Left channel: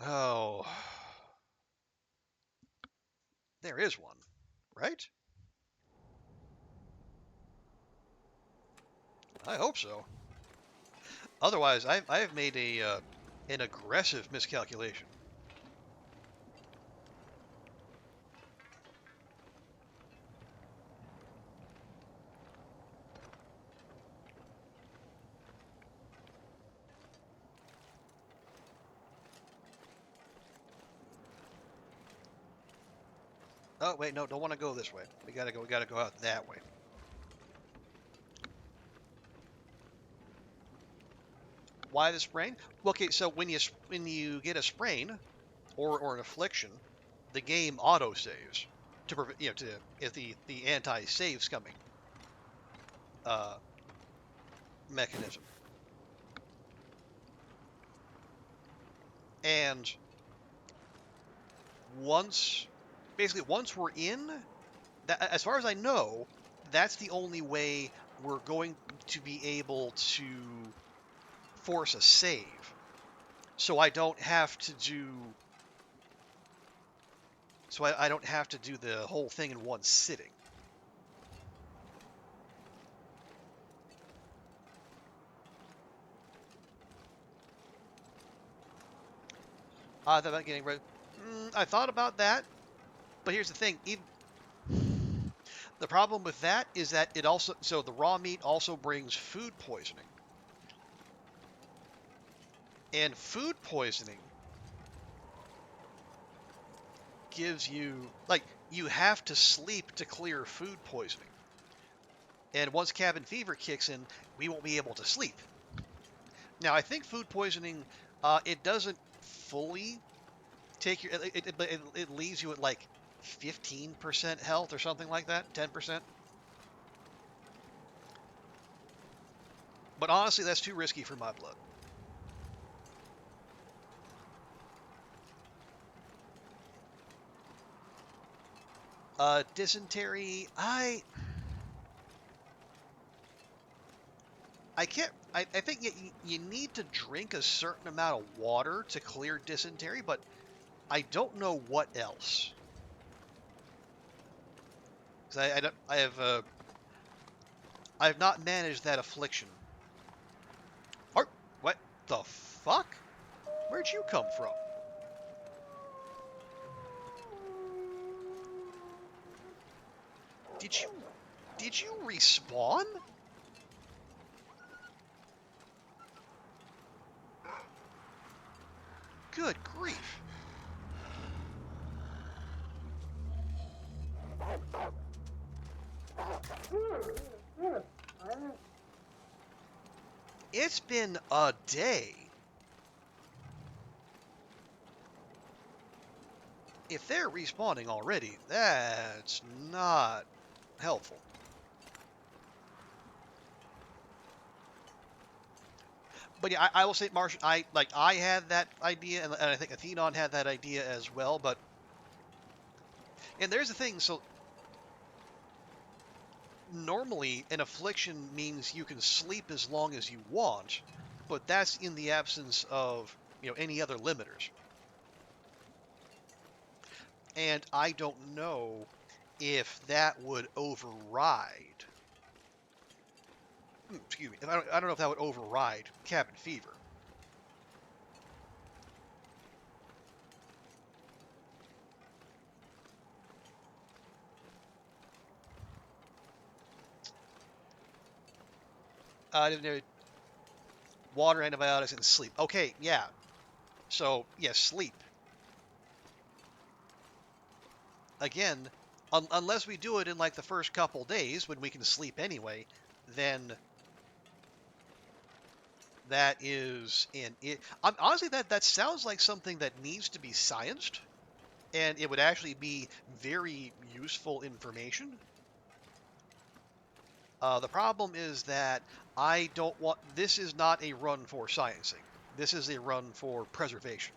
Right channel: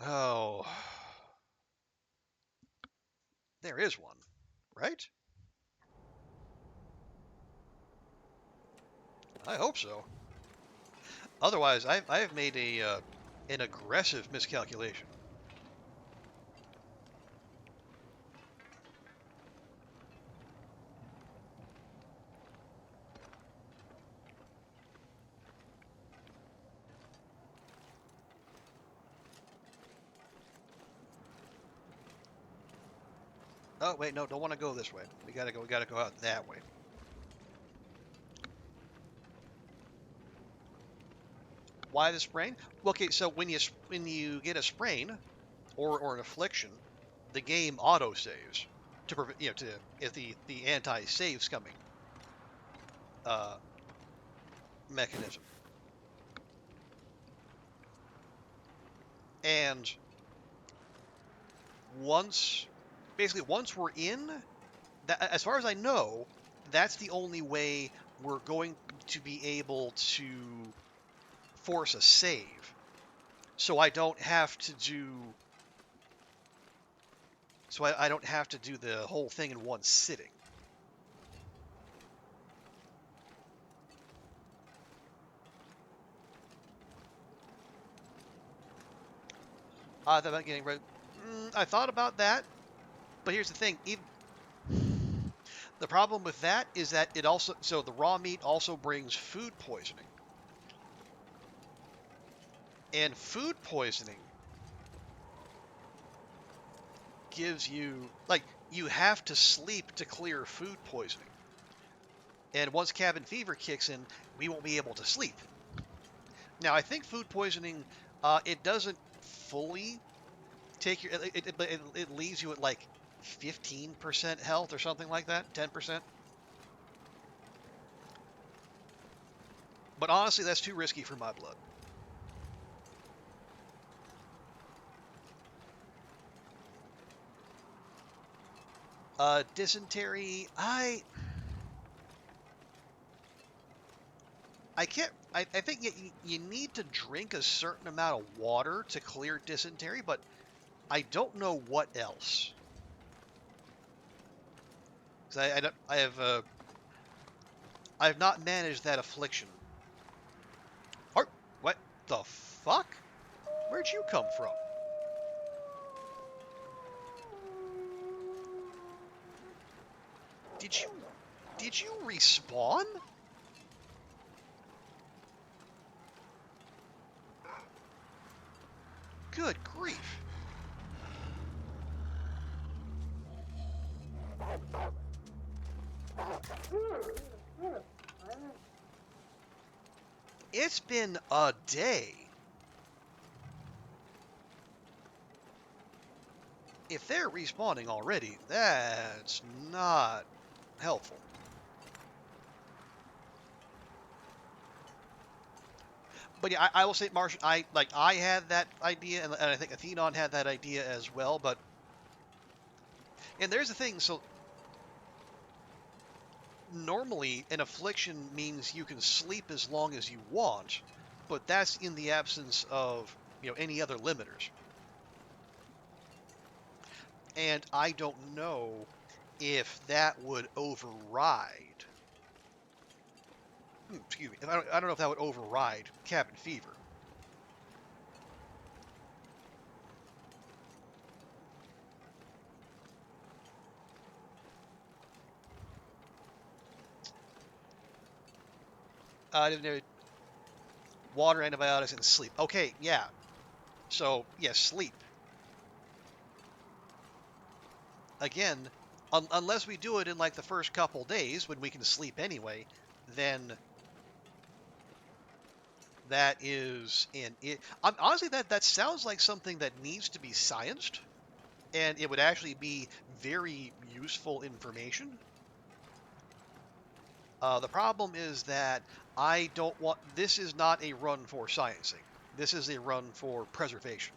Oh, there is one, right? I hope so. Otherwise, I have made a an aggressive miscalculation. Oh wait, no, don't want to go this way. We gotta go out that way. Why the sprain? Well, okay, so when you get a sprain or an affliction, the game auto saves to prevent to if the anti saves coming uh, mechanism. And once once we're in that, as far as I know, that's the only way we're going to be able to force a save. So I don't have to do I don't have to do the whole thing in one sitting. I thought about getting rid. I thought about that, but here's the thing: even, the problem with that is that it also the raw meat also brings food poisoning, and food poisoning gives you you have to sleep to clear food poisoning, and once cabin fever kicks in, we won't be able to sleep. Now I think food poisoning it doesn't fully take your it leaves you at like 15% health or something like that, 10%. But honestly, that's too risky for my blood. Dysentery, I can't. I think you need to drink a certain amount of water to clear dysentery, but I don't know what else. Because I don't I have not managed that affliction. Or what the fuck? Where'd you come from? Did you did you respawn? Good grief. It's been a day. If they're respawning already, that's not helpful. But yeah, I will say, Martian. I had that idea, and I think Athenon had that idea as well. But and there's the thing. So normally, an affliction means you can sleep as long as you want, but that's in the absence of any other limiters. And I don't know if that would override. Excuse me. I don't know if that would override cabin fever. Water, antibiotics, and sleep. Okay, yeah. So yeah, sleep. Again, unless we do it in like the first couple days when we can sleep anyway, then that is in it. Honestly, that sounds like something that needs to be scienced, and it would actually be very useful information. The problem is that I don't want. This is not a run for sciencing. This is a run for preservation.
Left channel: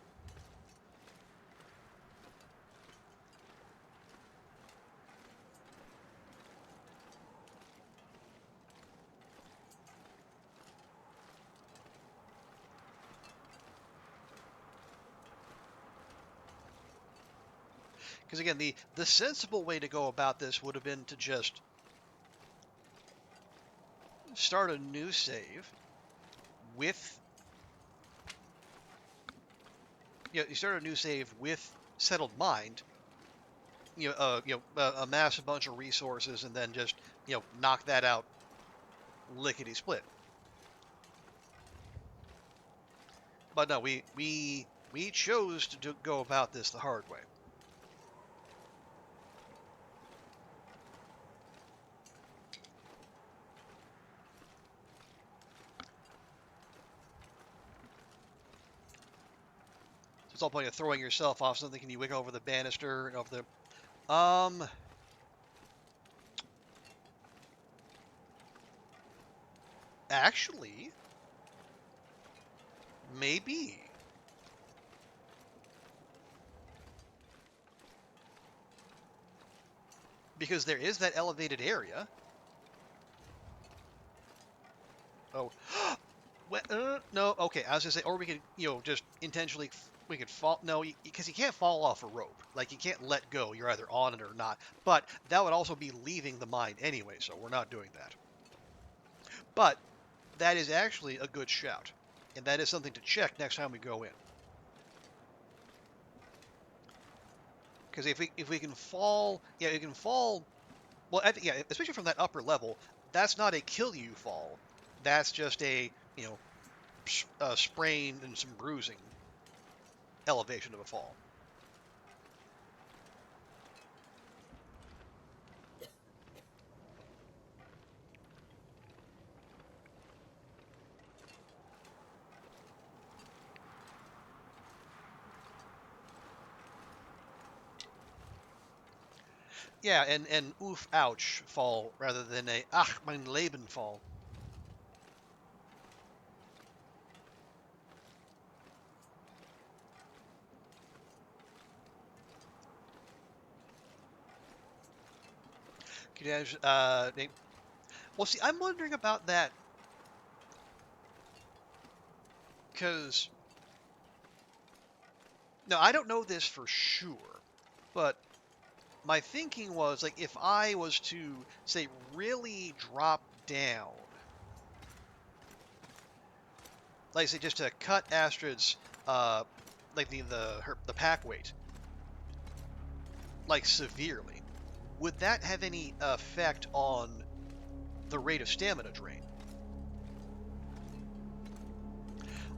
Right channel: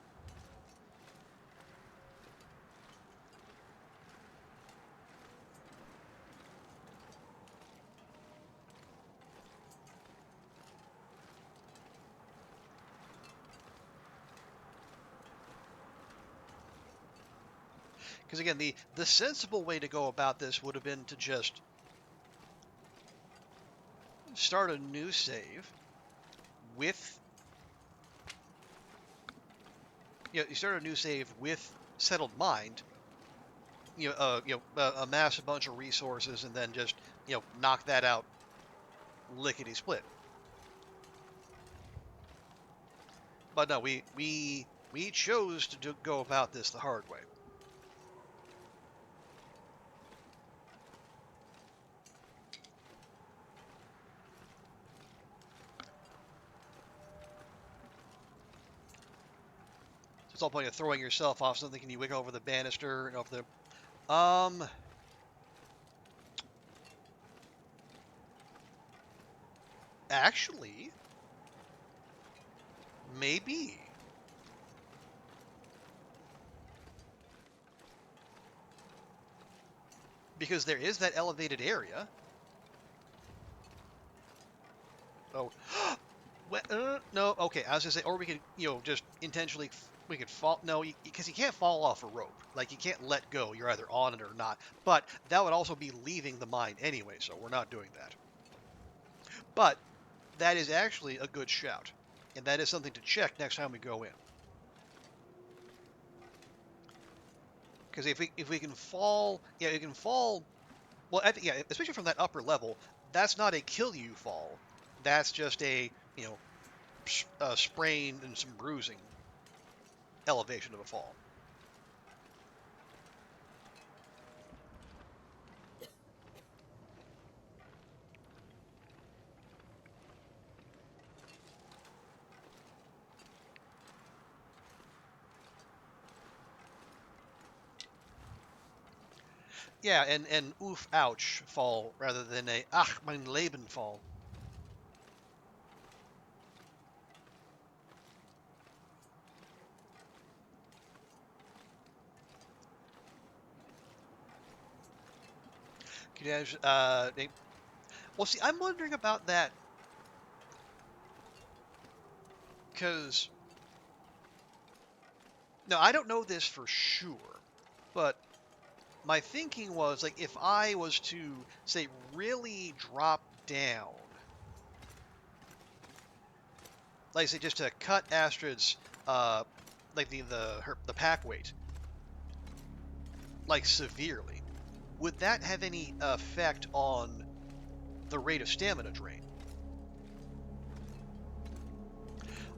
Because again, the sensible way to go about this would have been to just start a new save with, you start a new save with settled mind. Amass a bunch of resources and then just knock that out lickety split. But no, we chose to go about this the hard way. So it's all point of throwing yourself off something. Can you wick over the banister and over the actually, maybe. Because there is that elevated area. Oh, no, okay, I was gonna say, or we could, just intentionally, we could fall, no, because you can't fall off a rope. Like, you can't let go. You're either on it or not. But that would also be leaving the mine anyway, so we're not doing that. But that is actually a good shout. And that is something to check next time we go in. Because if we can fall, you can fall, well, especially from that upper level, that's not a kill you fall. That's just a, a sprain and some bruising elevation of a fall. Yeah, and oof, ouch fall rather than a ach, mein Leben fall. Well, see, I'm wondering about that because no, I don't know this for sure, but my thinking was like if I was to say really drop down, like say just to cut Astrid's like the pack weight like severely, would that have any effect on the rate of stamina drain?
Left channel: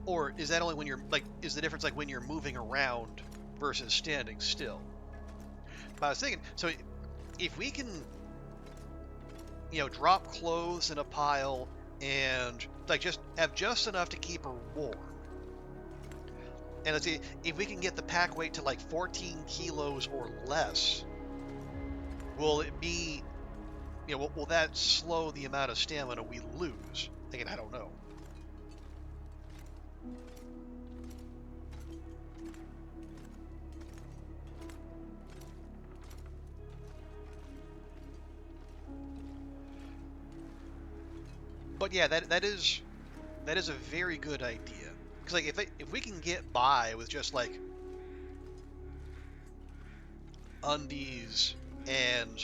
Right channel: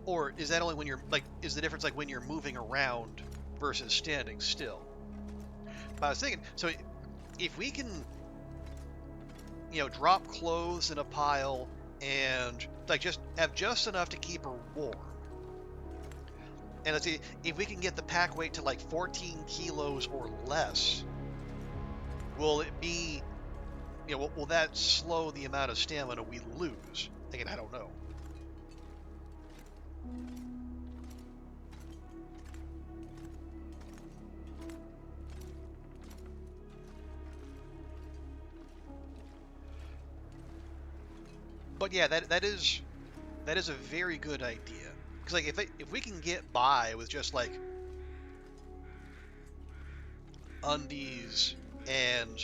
Or is that only when you're like, is the difference like when you're moving around versus standing still? But I was thinking, so if we can, drop clothes in a pile and like just have just enough to keep her warm. And let's see, if we can get the pack weight to like 14 kilos or less, will it be, will that slow the amount of stamina we lose? Again, I don't know. But yeah, that is a very good idea. Because like if we can get by with just like undies and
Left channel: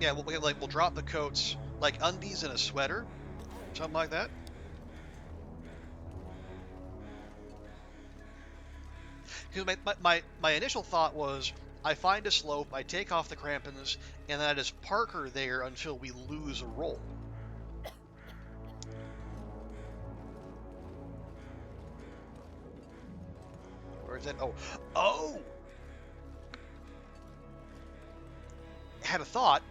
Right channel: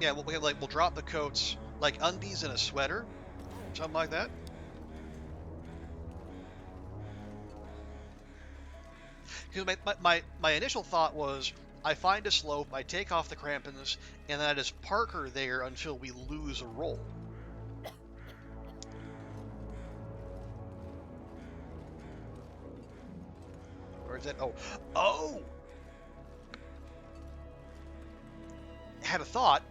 yeah, we'll drop the coats, like undies and a sweater, something like that. Because my initial thought was I find a slope, I take off the crampons, and then I just park her there until we lose a roll. Or is that oh? Had a thought.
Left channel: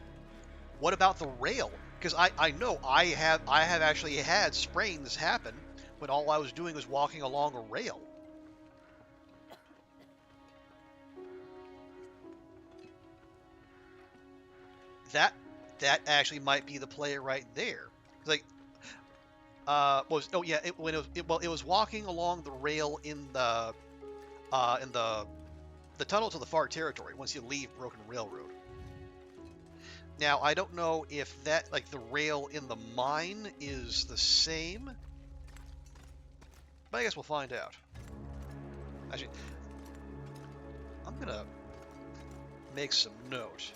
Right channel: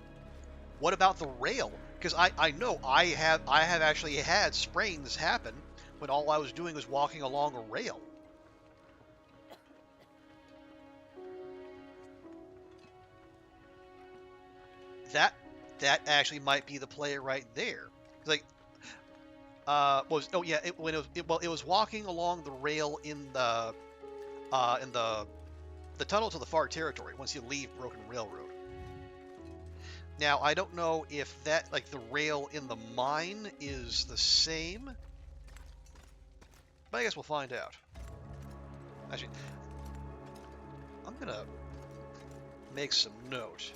What about the rail? Because I know I have actually had sprains happen when all I was doing was walking along a rail. That actually might be the play right there. Like it was walking along the rail in the tunnel to the far territory once you leave Broken Railroad. Now I don't know if that like the rail in the mine is the same, but I guess we'll find out. Actually, I'm gonna make some note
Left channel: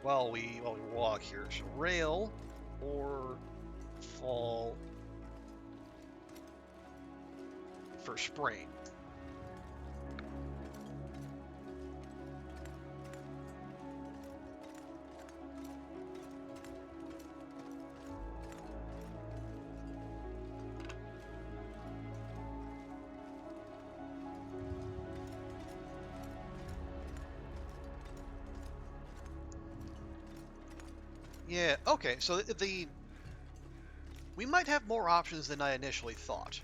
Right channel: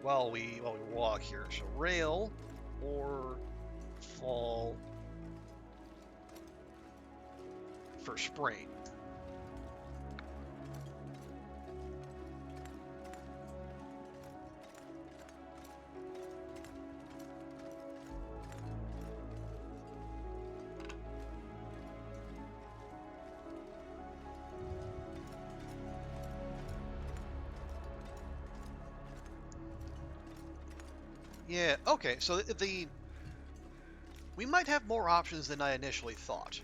while we walk here. So rail or fall for sprain. Yeah, okay, so we might have more options than I initially thought.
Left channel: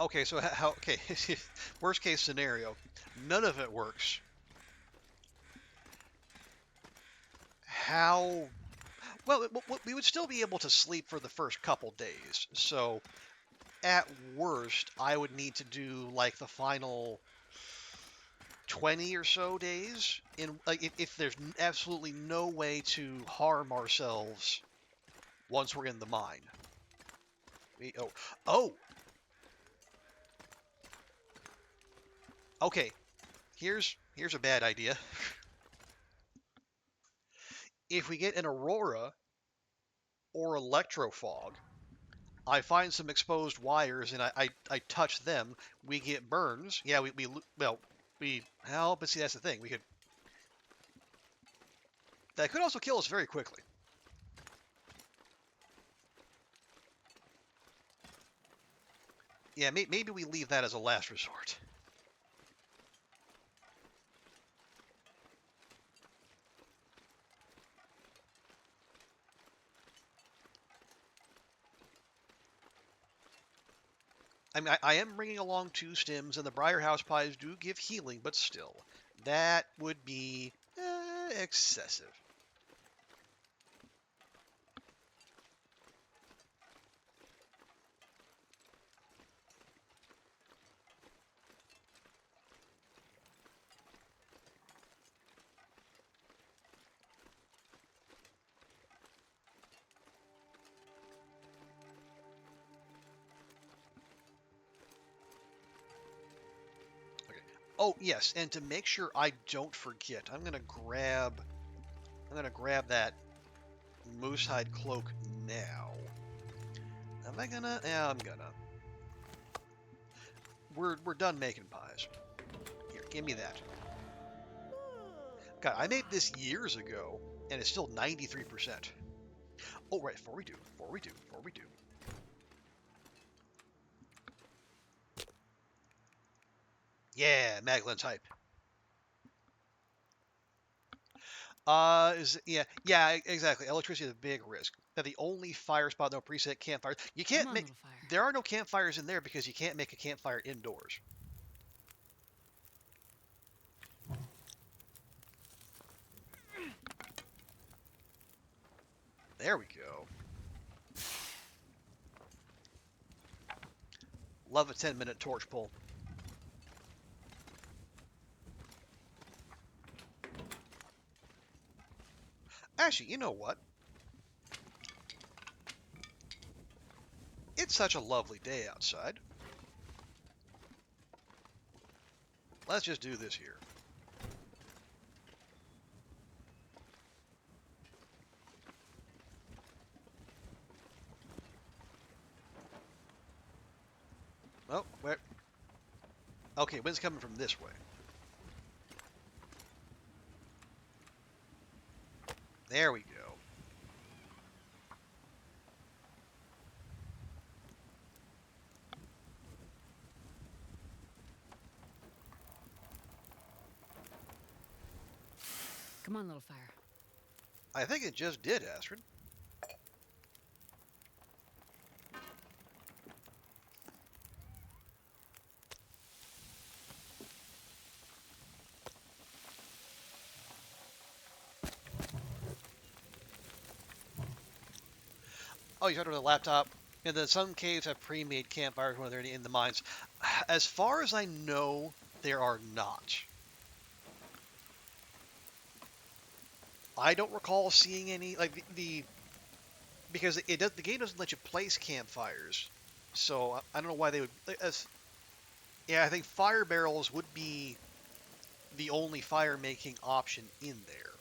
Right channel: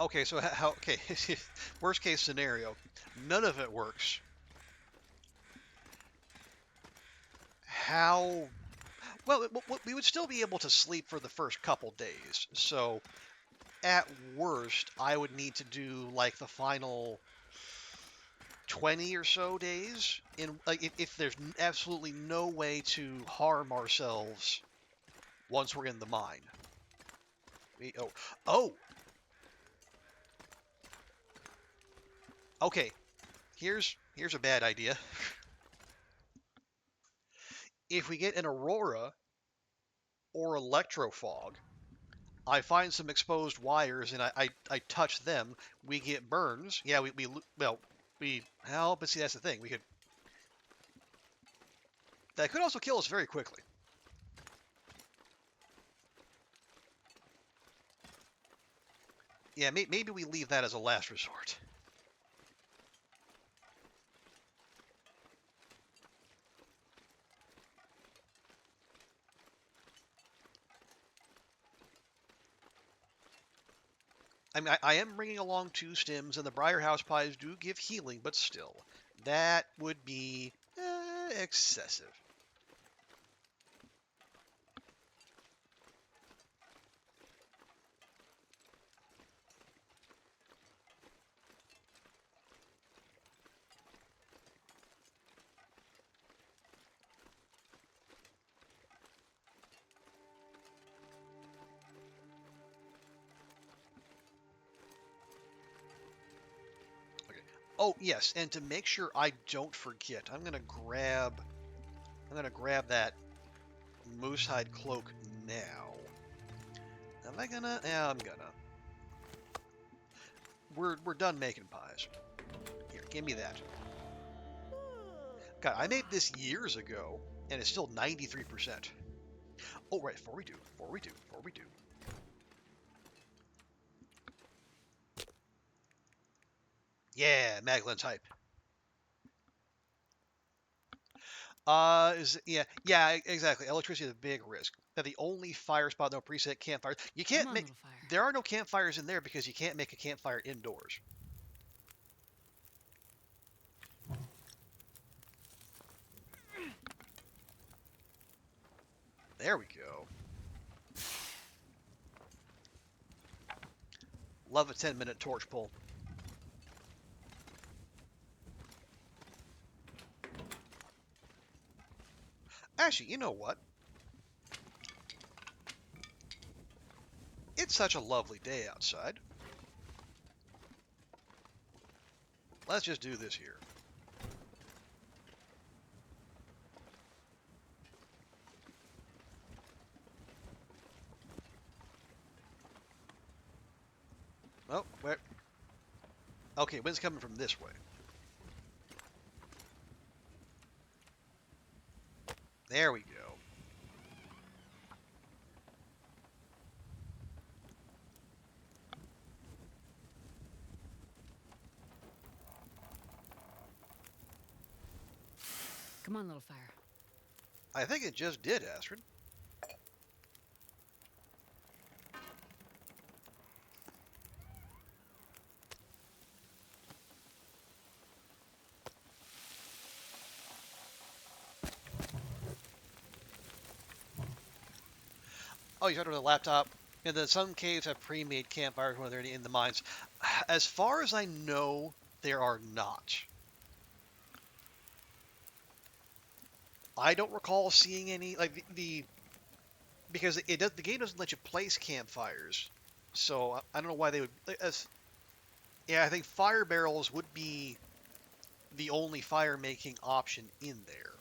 Okay, so okay, worst case scenario, none of it works. How, well, we would still be able to sleep for the first couple days. So at worst, I would need to do like the final 20 or so days in like if there's absolutely no way to harm ourselves once we're in the mine. Oh, okay. Here's a bad idea. If we get an aurora or electrofog, I find some exposed wires and I touch them, we get burns. Yeah, well, but see, that's the thing. That could also kill us very quickly. Yeah, maybe we leave that as a last resort. I mean, I am bringing along 2 stims, and the Briar House pies do give healing, but still, that would be excessive. Okay. Oh yes, and to make sure I don't forget, I'm gonna grab that moose hide cloak now. Am I gonna? Yeah, I'm gonna. We're done making pies. Here, give me that. God, I made this years ago, and it's still 93%. Oh, right, before we do. Yeah, Maglin type. Exactly. Electricity is a big risk. Now, the only fire spot, no preset campfires. You can't make. There are no campfires in there because you can't make a campfire indoors. There we go. Love a 10-minute torch pull. Actually, you know what? It's such a lovely day outside. Let's just do this here. Oh, where? Okay, wind's coming from this way. There we go. Come on, little fire. I think it just did, Astrid. Oh, you started with a laptop. And then some caves have pre-made campfires when they're in the mines. As far as I know, There are not. I don't recall seeing any like the because the game doesn't let you place campfires, so I don't know why they would. Yeah, I think fire barrels would be the only fire making option in there.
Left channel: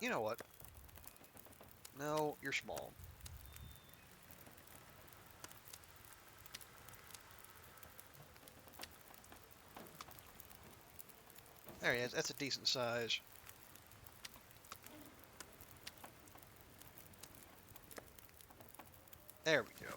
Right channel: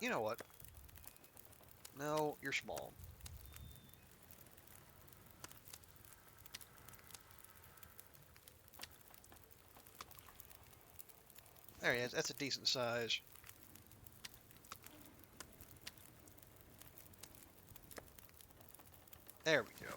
You know what? No, you're small. There he is. That's a decent size. There we go.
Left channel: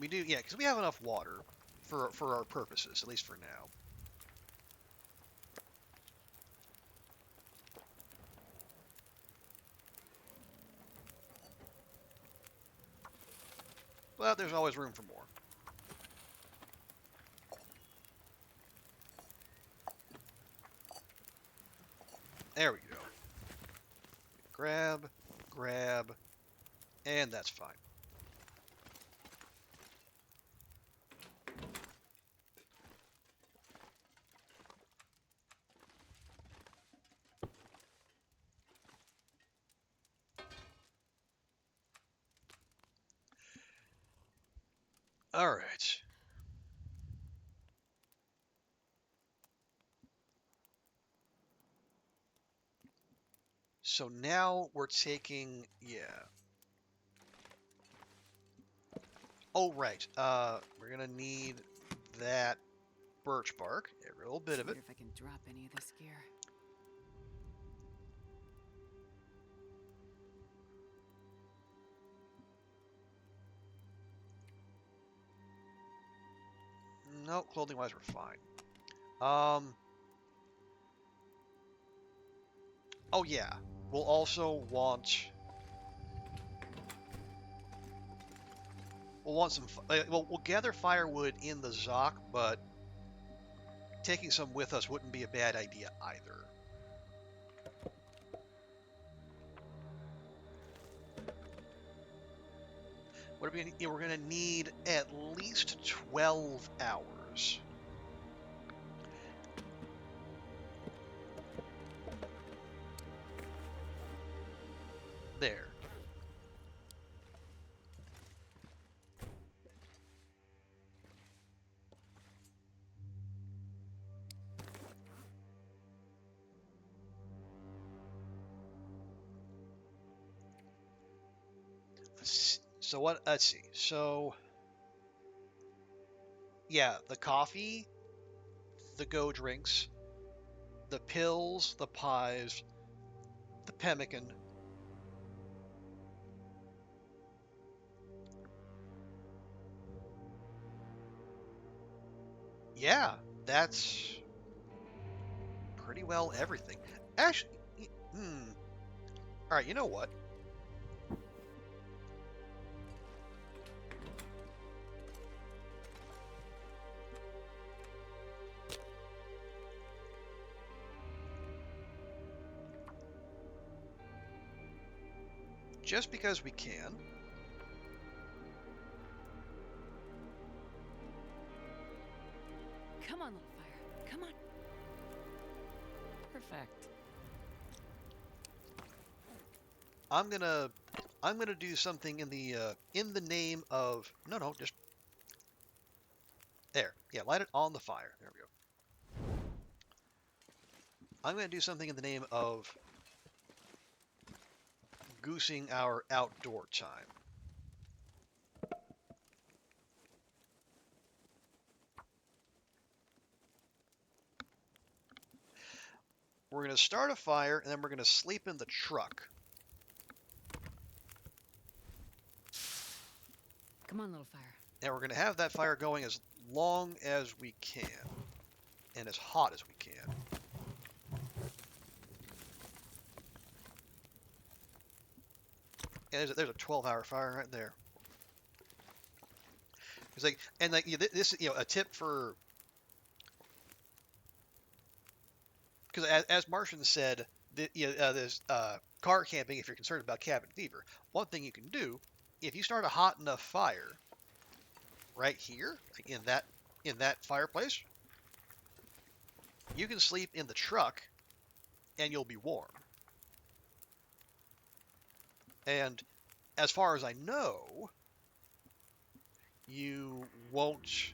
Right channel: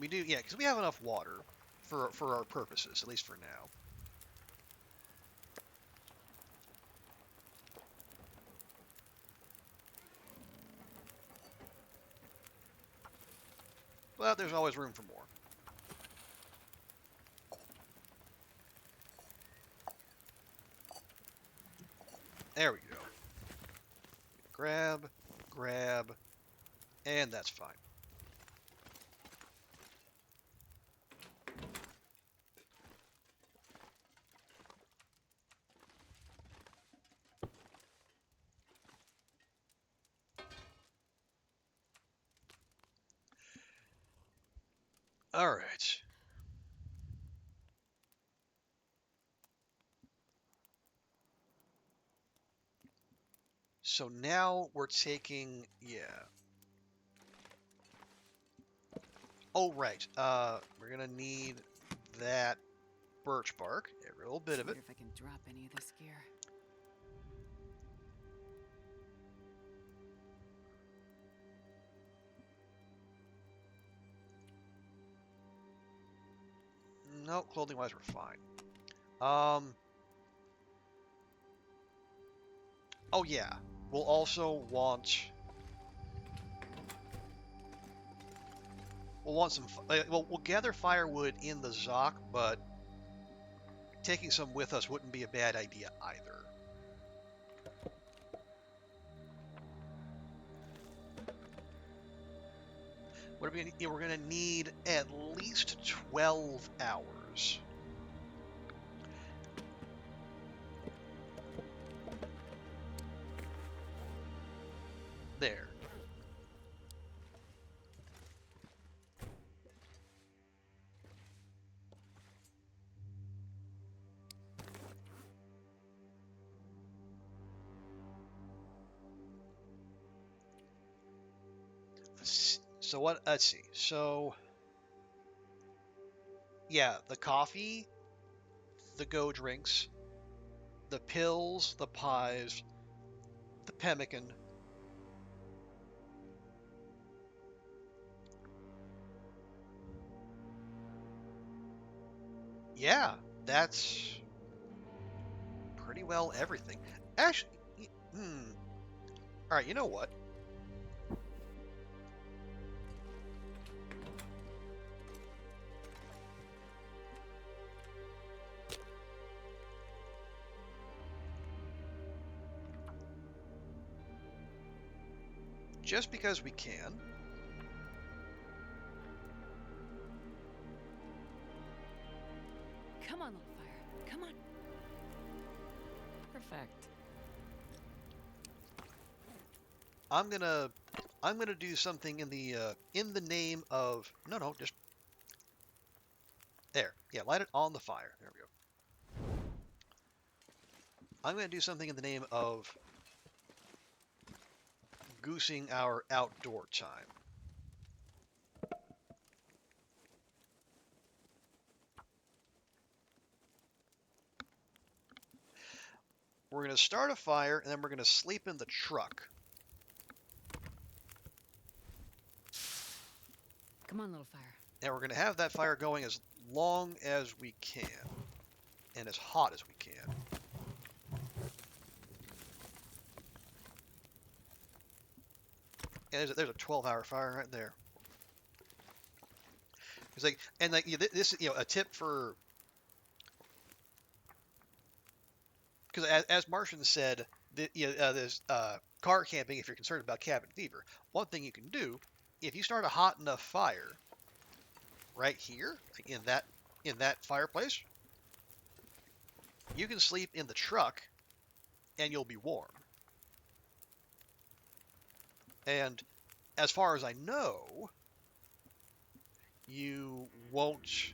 We do, yeah, because we have enough water for our purposes, at least for now. But there's always room for more. There we go. Grab, grab, and that's fine. All right. So now we're taking, yeah. Oh, right. We're gonna need that birch bark, every little bit of it. If I can drop any of this gear. No, clothing-wise, we're fine. Oh yeah, we'll also want. We'll want some. Well, we'll gather firewood in the Zoc, but taking some with us wouldn't be a bad idea either. What are we gonna, yeah, we're going to need at least 12 hours. There. So what? Let's see. So yeah, the coffee, the go drinks, the pills, the pies, the pemmican. Yeah, that's pretty well everything. Actually, All right, you know what? Just because we can. Come on, little fire. Come on. Perfect. I'm gonna do something in the name of no, just there. Yeah, light it on the fire. There we go. I'm gonna do something in the name of goosing our outdoor time. We're gonna start a fire and then we're gonna sleep in the truck. Come on, little fire. And we're going to have that fire going as long as we can and as hot as we can. And there's a 12-hour fire right there. It's like, and like this, a tip for, because as Martian said, this car camping, if you're concerned about cabin fever, one thing you can do, if you start a hot enough fire right here, like in that fireplace, you can sleep in the truck and you'll be warm. And as far as I know, you won't.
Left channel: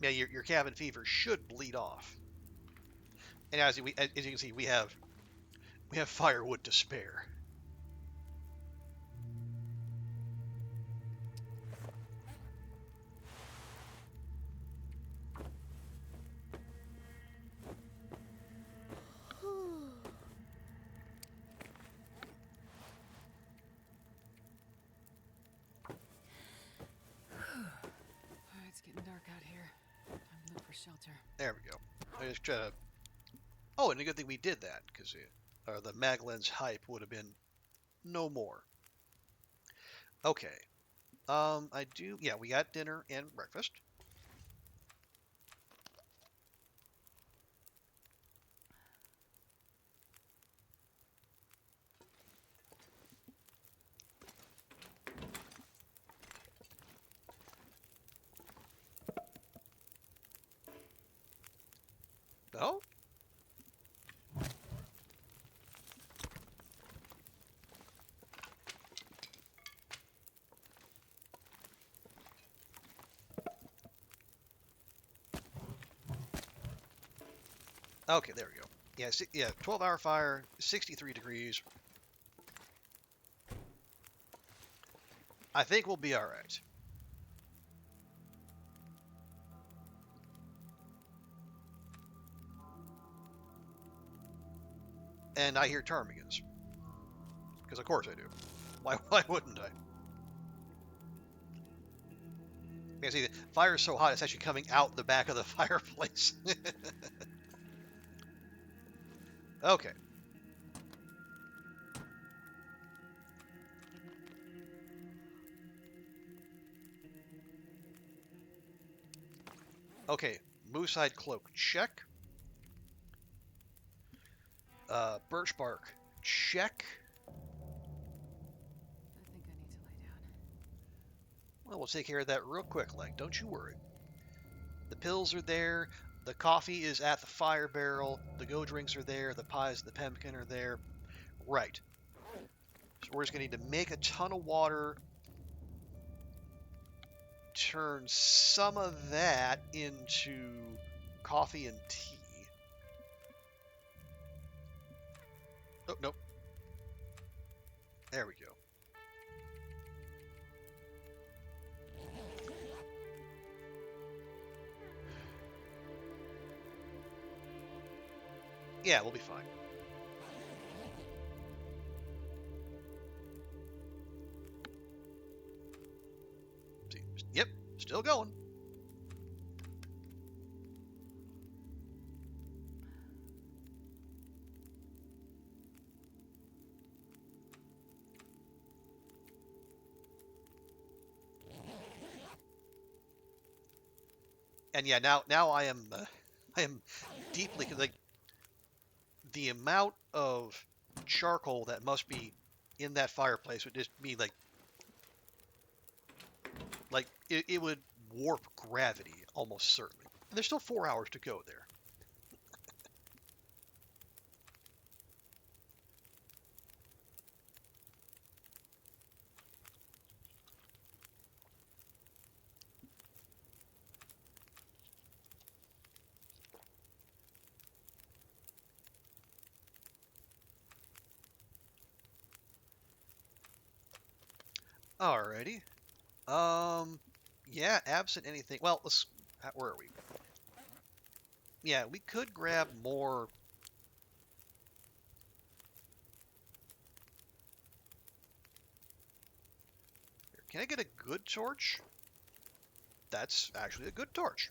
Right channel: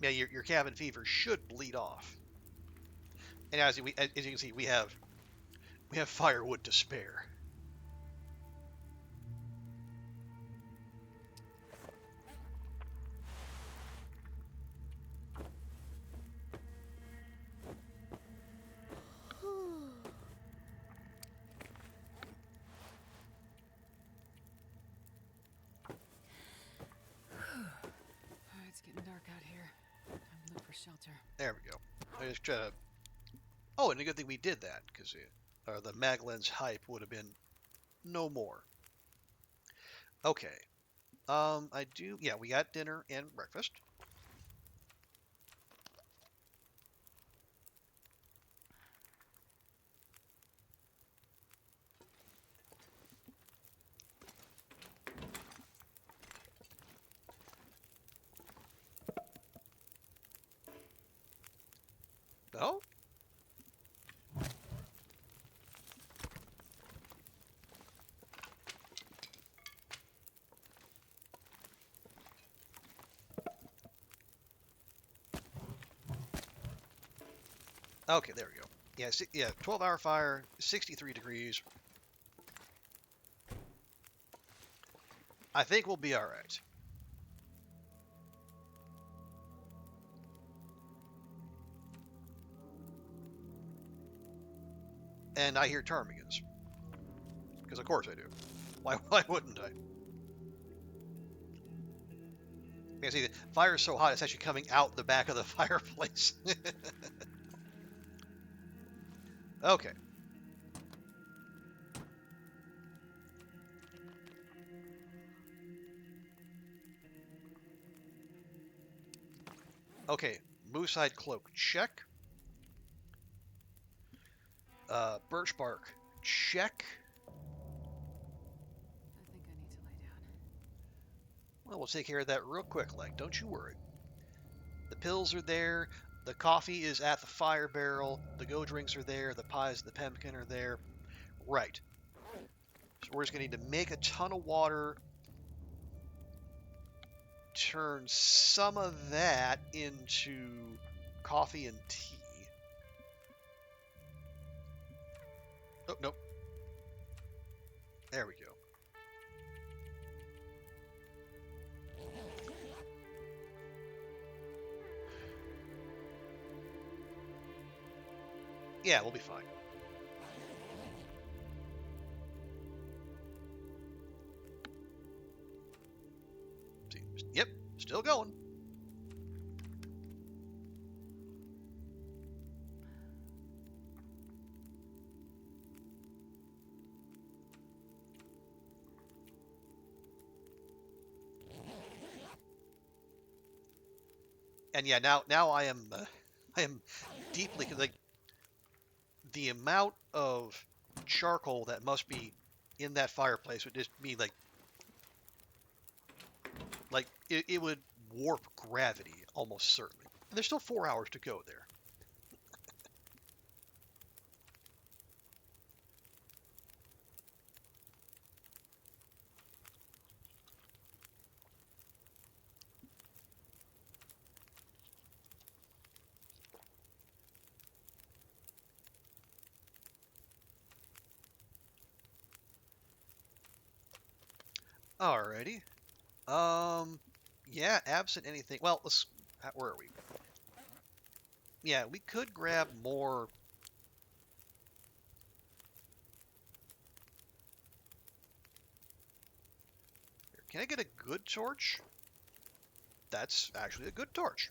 Yeah, your cabin fever should bleed off. And as you can see, we have firewood to spare. It's getting dark out here. Time to look for shelter. There we go. I just try to. Oh, and a good thing we did that, because the Maglen's hype would have been no more. Okay. I do. Yeah, we got dinner and breakfast. No? Okay, there we go. Yeah, 12-hour fire, 63 degrees. I think we'll be all right. And I hear ptarmigans. Because of course I do. Why wouldn't I? You can see the fire is so hot it's actually coming out the back of the fireplace. Okay. Okay, moose hide cloak, check. Birch bark, check. I think I need to lie down. Well, we'll take care of that real quick, like, don't you worry. The pills are there, the coffee is at the fire barrel, the go drinks are there, the pies and the pemmican are there. Right. So we're just going to need to make a ton of water, turn some of that into coffee and tea. Oh, nope. There we go. Yeah, we'll be fine. See, yep, still going. And yeah, now I am deeply, like, the amount of charcoal that must be in that fireplace would just be like it would warp gravity almost certainly. And there's still 4 hours to go there. Alrighty. Yeah, absent anything. Well, where are we? Yeah, we could grab more. Can I get a good torch? That's actually a good torch.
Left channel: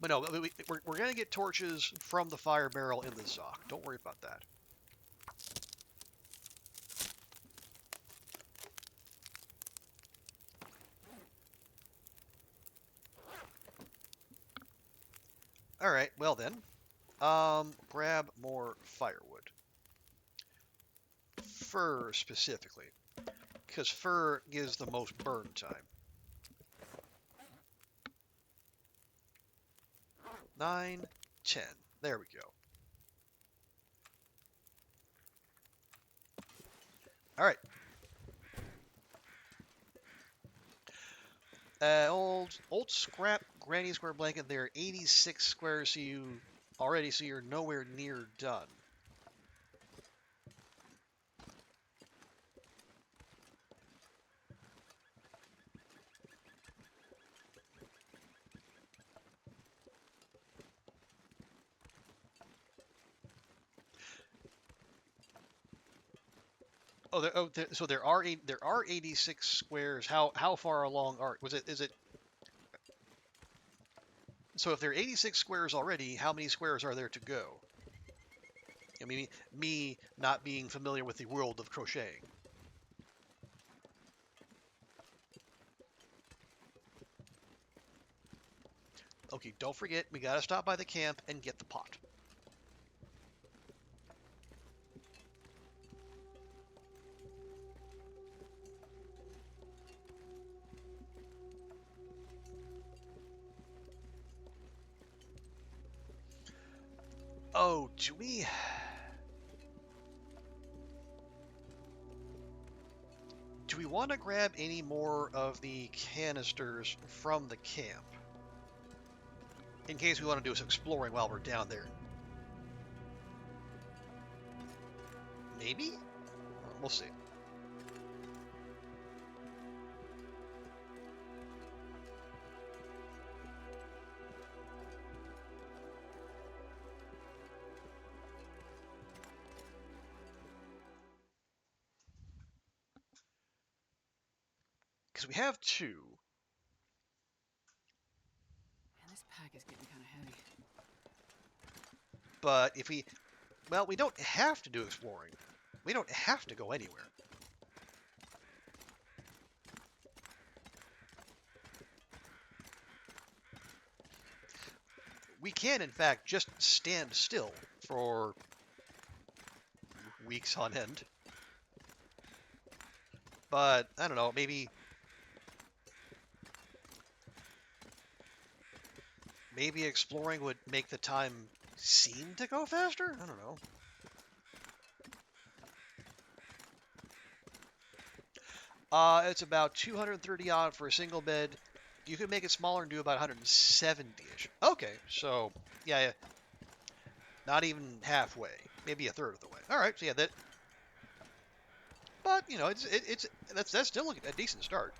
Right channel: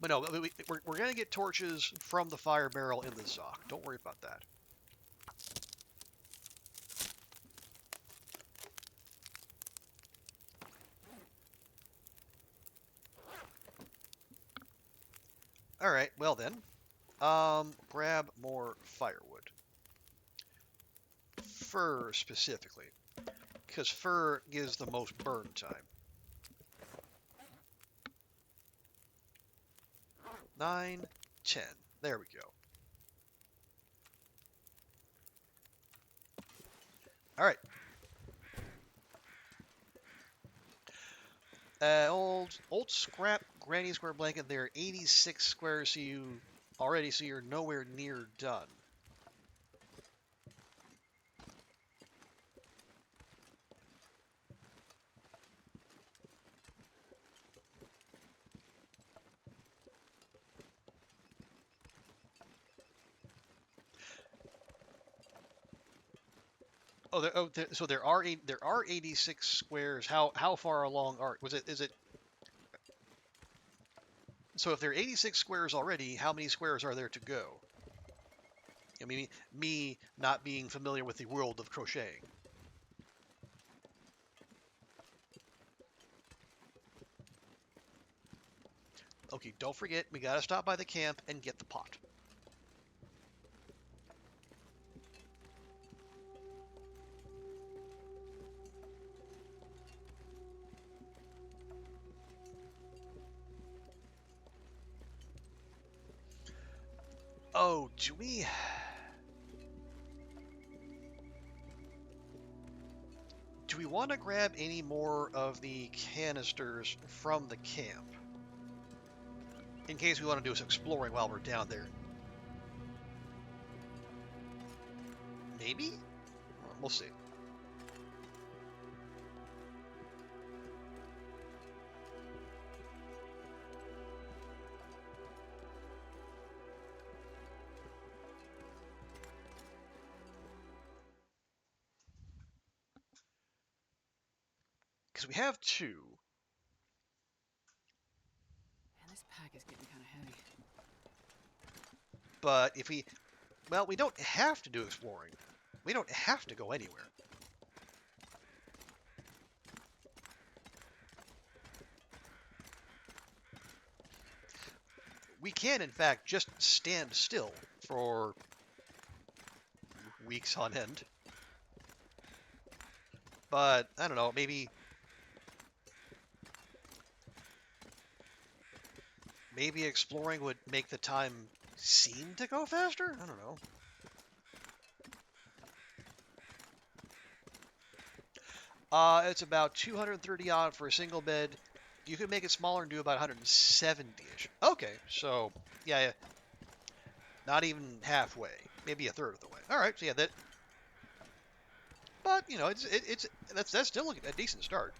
But no, we're going to get torches from the fire barrel in the Zoc. Don't worry about that. All right, well then, grab more firewood. Fur specifically, because fur gives the most burn time. 9, 10. There we go. All right. Old scrap granny square blanket there. 86 squares. So you're nowhere near done. So there are 86 squares. How far along is it? So if there are 86 squares already, how many squares are there to go? I mean, me not being familiar with the world of crocheting. Okay, don't forget, we gotta stop by the camp and get the pot. Oh, do we? Do we want to grab any more of the canisters from the camp? In case we want to do some exploring while we're down there. Maybe? We'll see. Because we have 2. Man, this pack is getting kind of heavy. But if we don't have to do exploring. We don't have to go anywhere. We can, in fact, just stand still for weeks on end. But, I don't know, maybe exploring would make the time seem to go faster? I don't know. It's about 230 odd for a single bed. You could make it smaller and do about 170-ish. Okay, so yeah, not even halfway, maybe a third of the way. All right, so yeah, that. But you know, that's still a decent start.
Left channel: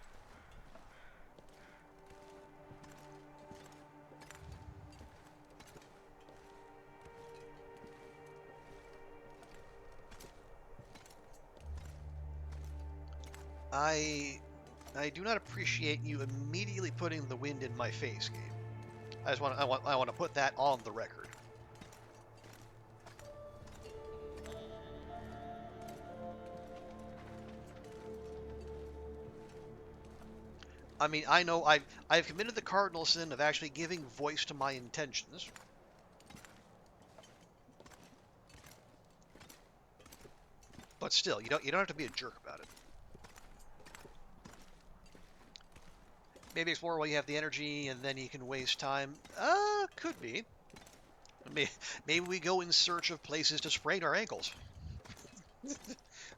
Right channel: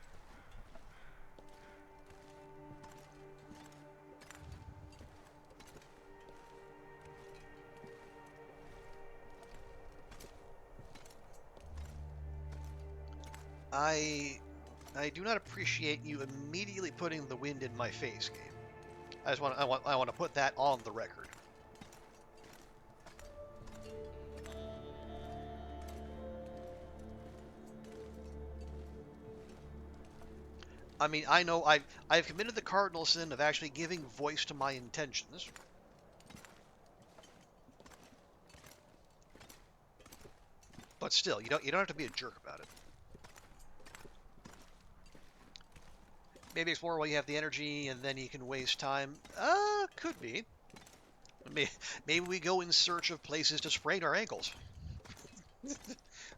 I do not appreciate you immediately putting the wind in my face, game. I want to put that on the record. I mean, I know I've committed the cardinal sin of actually giving voice to my intentions. But still, you don't have to be a jerk about it. Maybe explore while you have the energy, and then you can waste time. Could be. Maybe we go in search of places to sprain our ankles.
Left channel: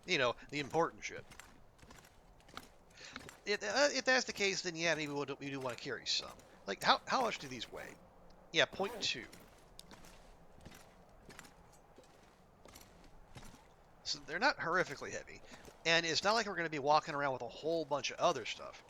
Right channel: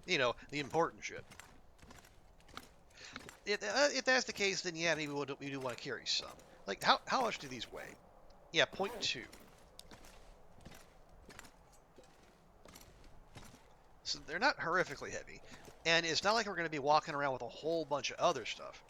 You know, the important shit. If that's the case, then yeah, maybe we do want to carry some. Like, how much do these weigh? Yeah, 0.2. So they're not horrifically heavy. And it's not like we're going to be walking around with a whole bunch of other stuff.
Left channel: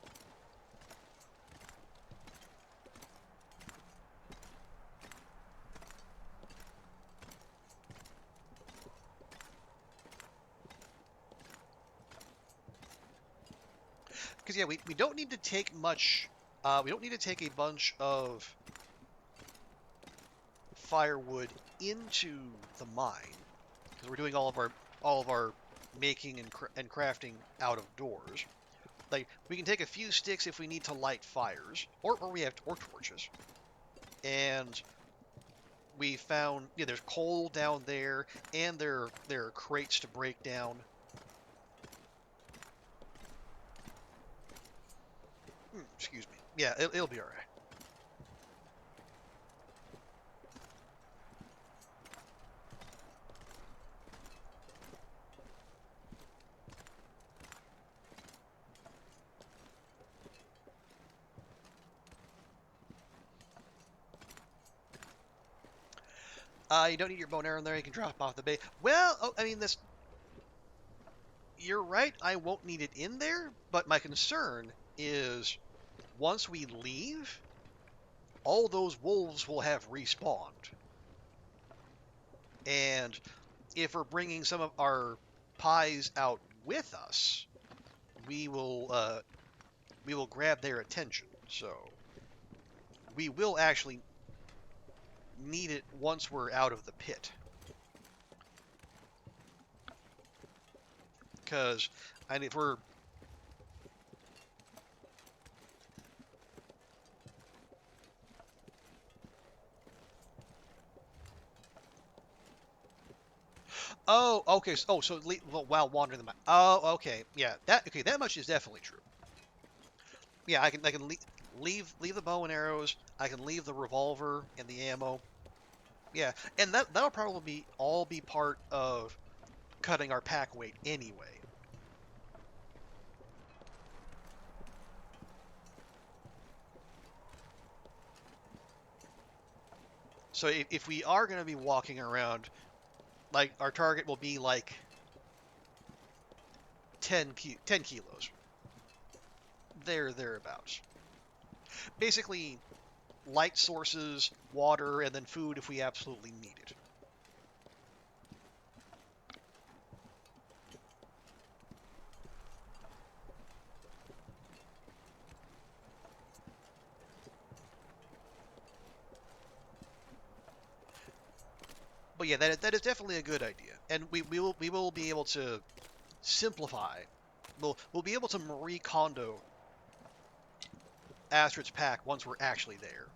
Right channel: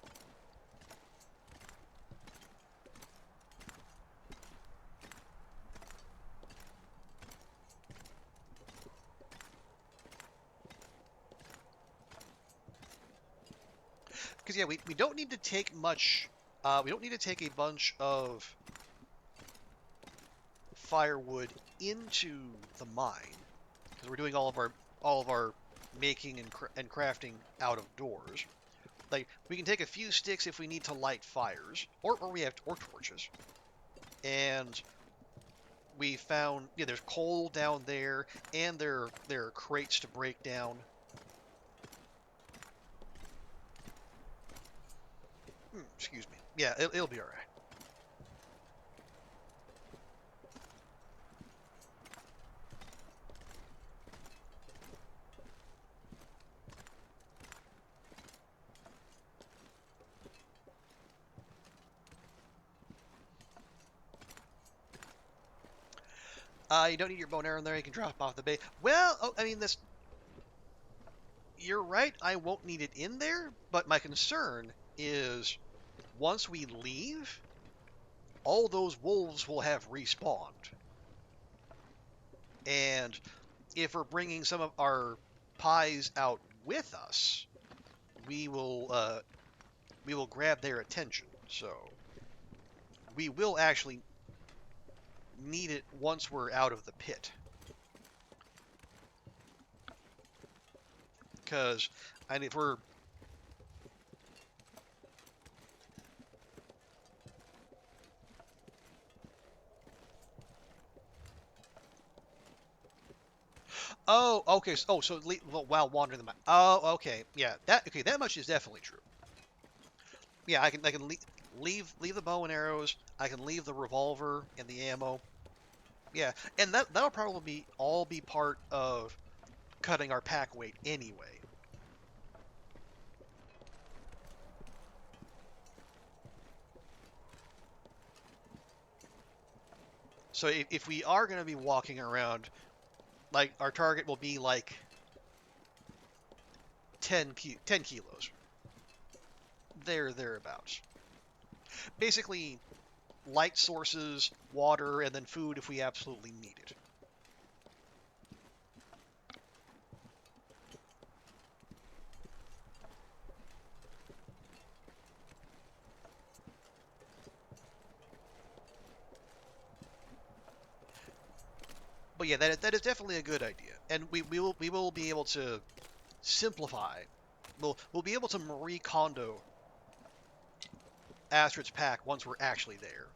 Because yeah, we don't need to take much. We don't need to take a bunch of firewood into the mine because we're doing all of our making and crafting out of doors. Like we can take a few sticks if we need to light fires, or we have or torches. And we found there's coal down there, and there are crates to break down. Excuse me. Yeah, it'll be all right. You don't need your bow and arrow in there. You can drop off the base. Well, oh, I mean, this. You're right. I won't need it in there, but my concern is once we leave, all those wolves will have respawned. And if we're bringing some of our pies out with us, we will grab their attention. So we will actually need it once we're out of the pit. Because if we're oh, okay. So while wandering the map. Oh, okay. Yeah. That much is definitely true. Yeah, I can leave the bow and arrows. I can leave the revolver and the ammo. Yeah, and that'll probably all be part of cutting our pack weight anyway. So if we are going to be walking around, like our target will be like 10 kilos. Thereabouts. Basically, light sources, water, and then food if we absolutely need it. But yeah, that is definitely a good idea, and we will be able to simplify. We'll be able to Marie Kondo Astrid's pack once we're actually there.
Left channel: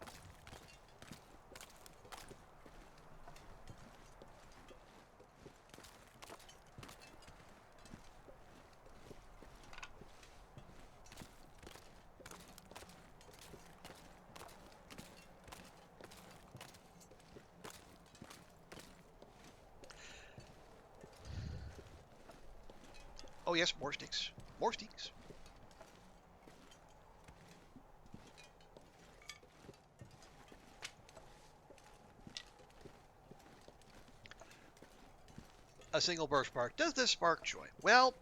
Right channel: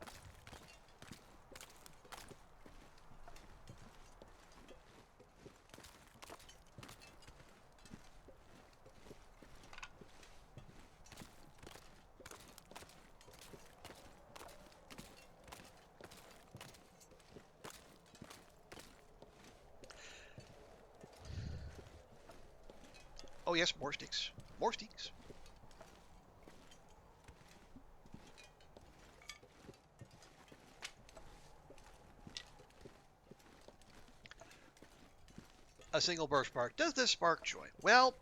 Oh yes, more sticks. More sticks. A single birch bark. Does this spark joy? Well,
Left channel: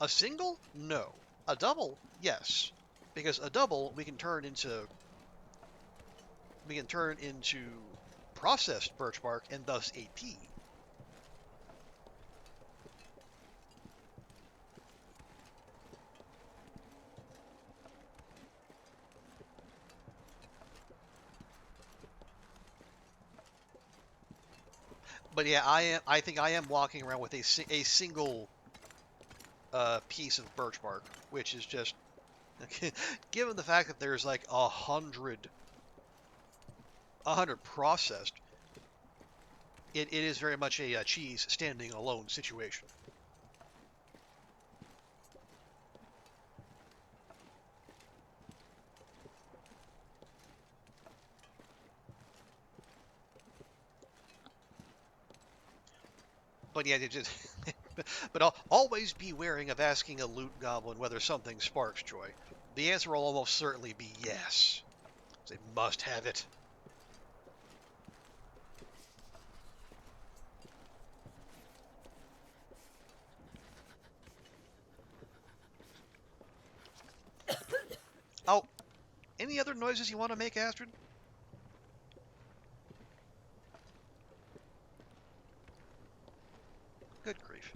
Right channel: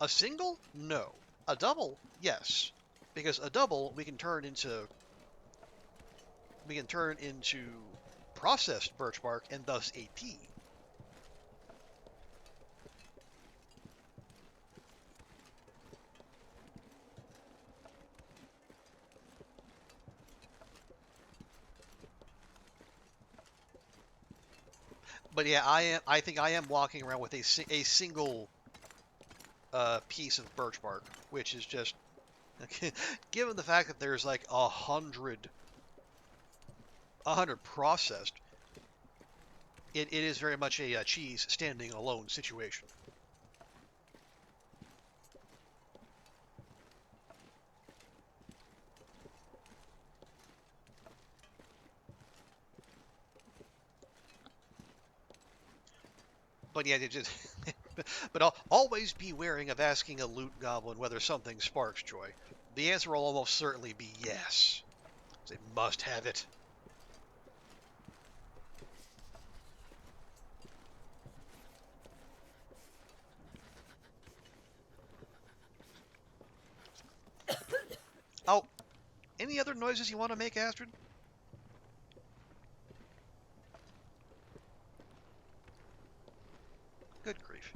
a single? No. A double? Yes. Because a double we can turn into processed birch bark and thus AP. But yeah, I think I am walking around with a single piece of birch bark, which is just given the fact that there's like 100 processed, it is very much a cheese standing alone situation. But yeah, but I'll always be wary of asking a loot goblin whether something sparks joy. The answer will almost certainly be yes. They must have it. Oh, any other noises you want to make, Astrid? Good grief.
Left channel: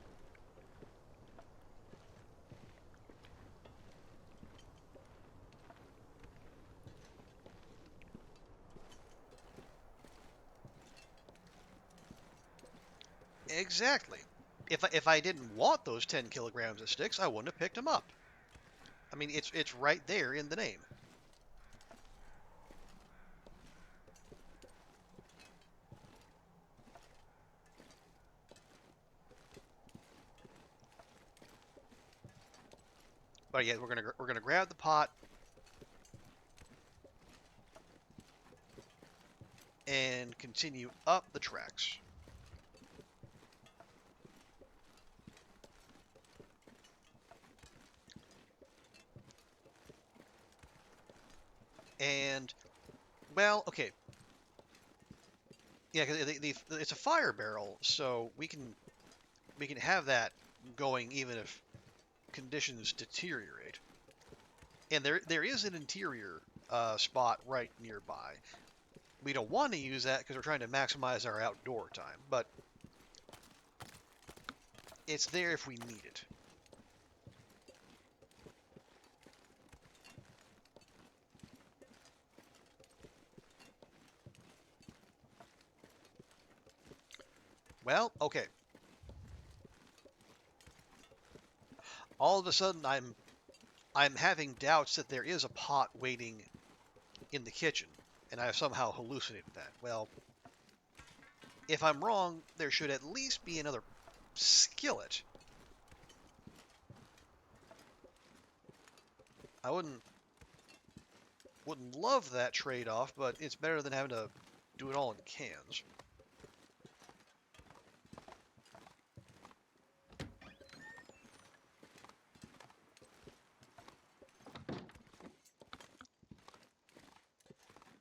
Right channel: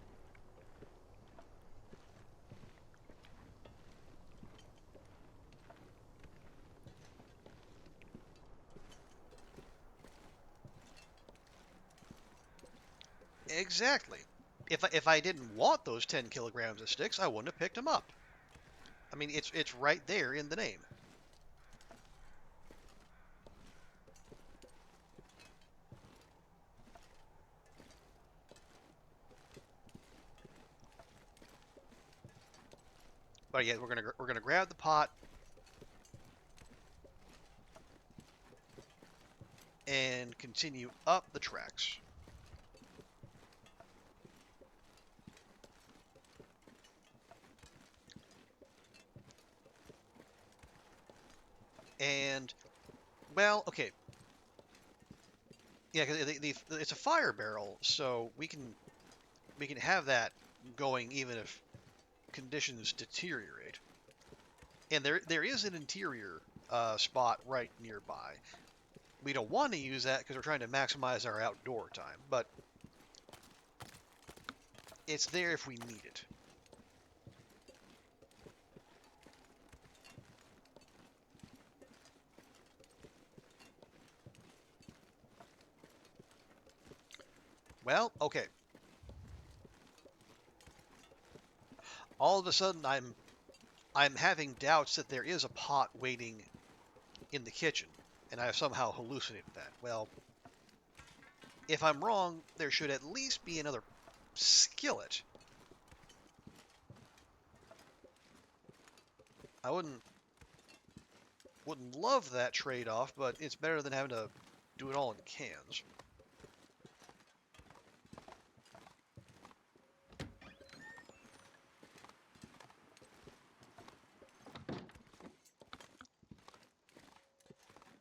Exactly. If I didn't want those 10 kilograms of sticks, I wouldn't have picked them up. I mean, it's right there in the name. But yeah, we're gonna grab the pot and continue up the tracks. And well, okay, yeah, because it's a fire barrel, so we can have that going even if conditions deteriorate. And there is an interior spot right nearby. We don't want to use that because we're trying to maximize our outdoor time, but it's there if we need it. Well, okay. All of a sudden, I'm having doubts that there is a pot waiting in the kitchen, and I have somehow hallucinated that. Well, if I'm wrong, there should at least be another skillet. I wouldn't love that trade-off, but it's better than having to do it all in cans.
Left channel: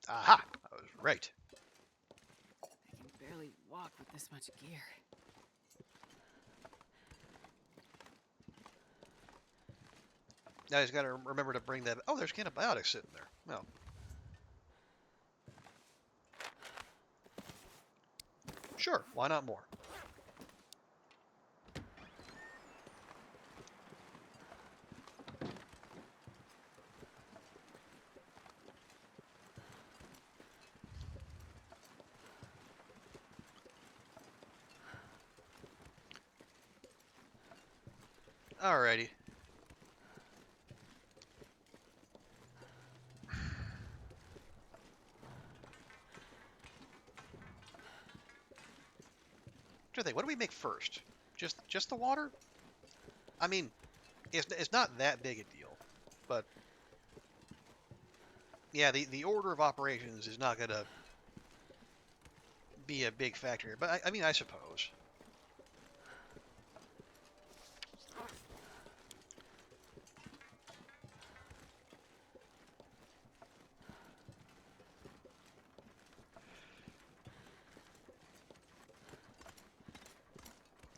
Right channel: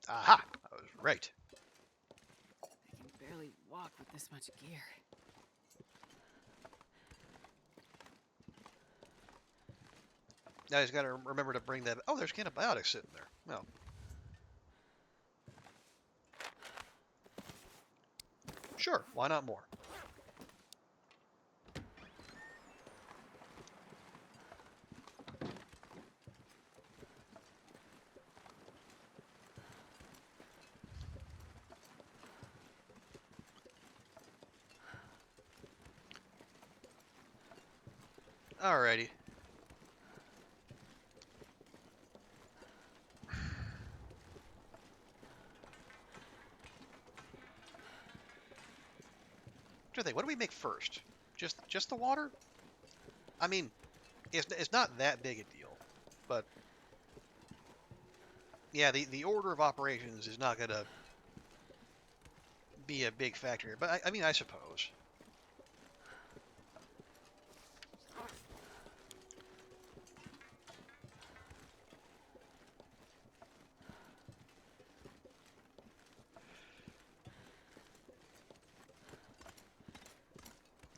Aha! I was right. I can barely walk with this much gear. Now he's got to remember to bring that. Oh, there's antibiotics sitting there. No. Sure, why not more? Alrighty. What do we make first? Just the water? I mean, it's not that big a deal, but yeah, the order of operations is not gonna be a big factor here. But I mean, I suppose.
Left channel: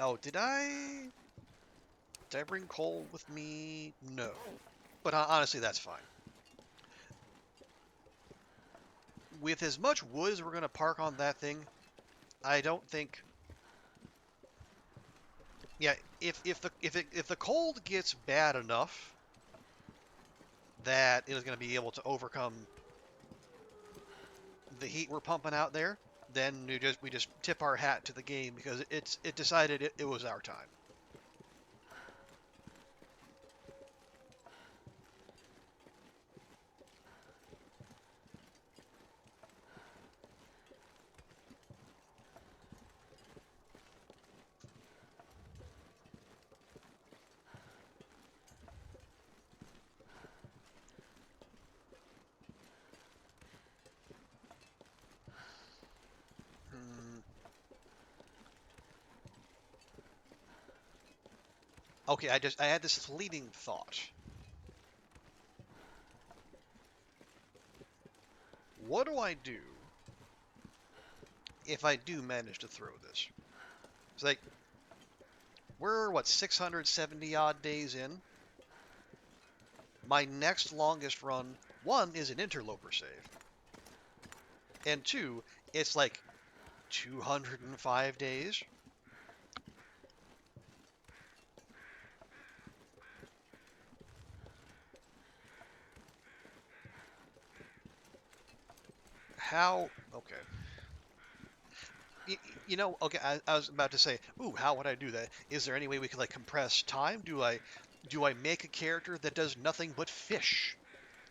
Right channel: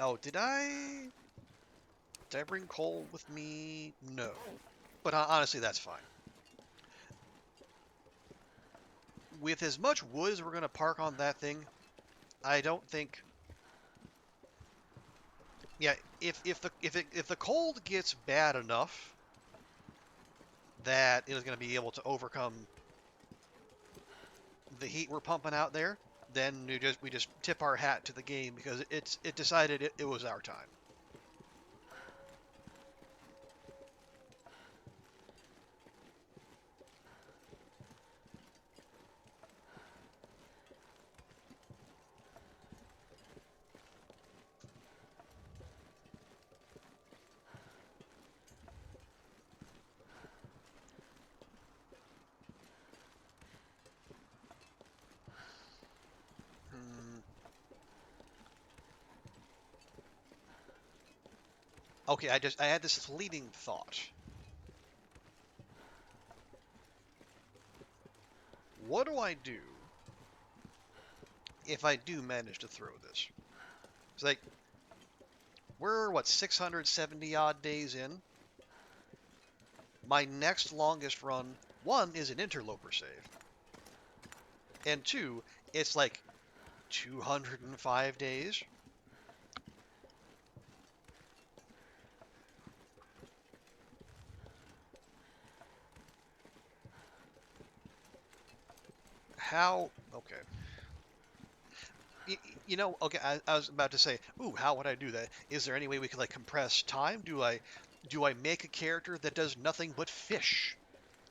Oh, did I bring coal with me? No. But honestly, that's fine. With as much wood as we're gonna park on that thing, I don't think. Yeah, if the cold gets bad enough that it is going to be able to overcome the heat we're pumping out there, then we just tip our hat to the game because it decided it was our time. Hmm. Okay, I had this fleeting thought. What do I do if I do manage to throw this? It's like we're what 670 odd days in. My next longest run, one, is an interloper save, and two, it's like 205 days. How? Okay. you know, okay, I was about to say, ooh, how would I do that? Is there any way we could like compress time? Do I make a character that does nothing but fish?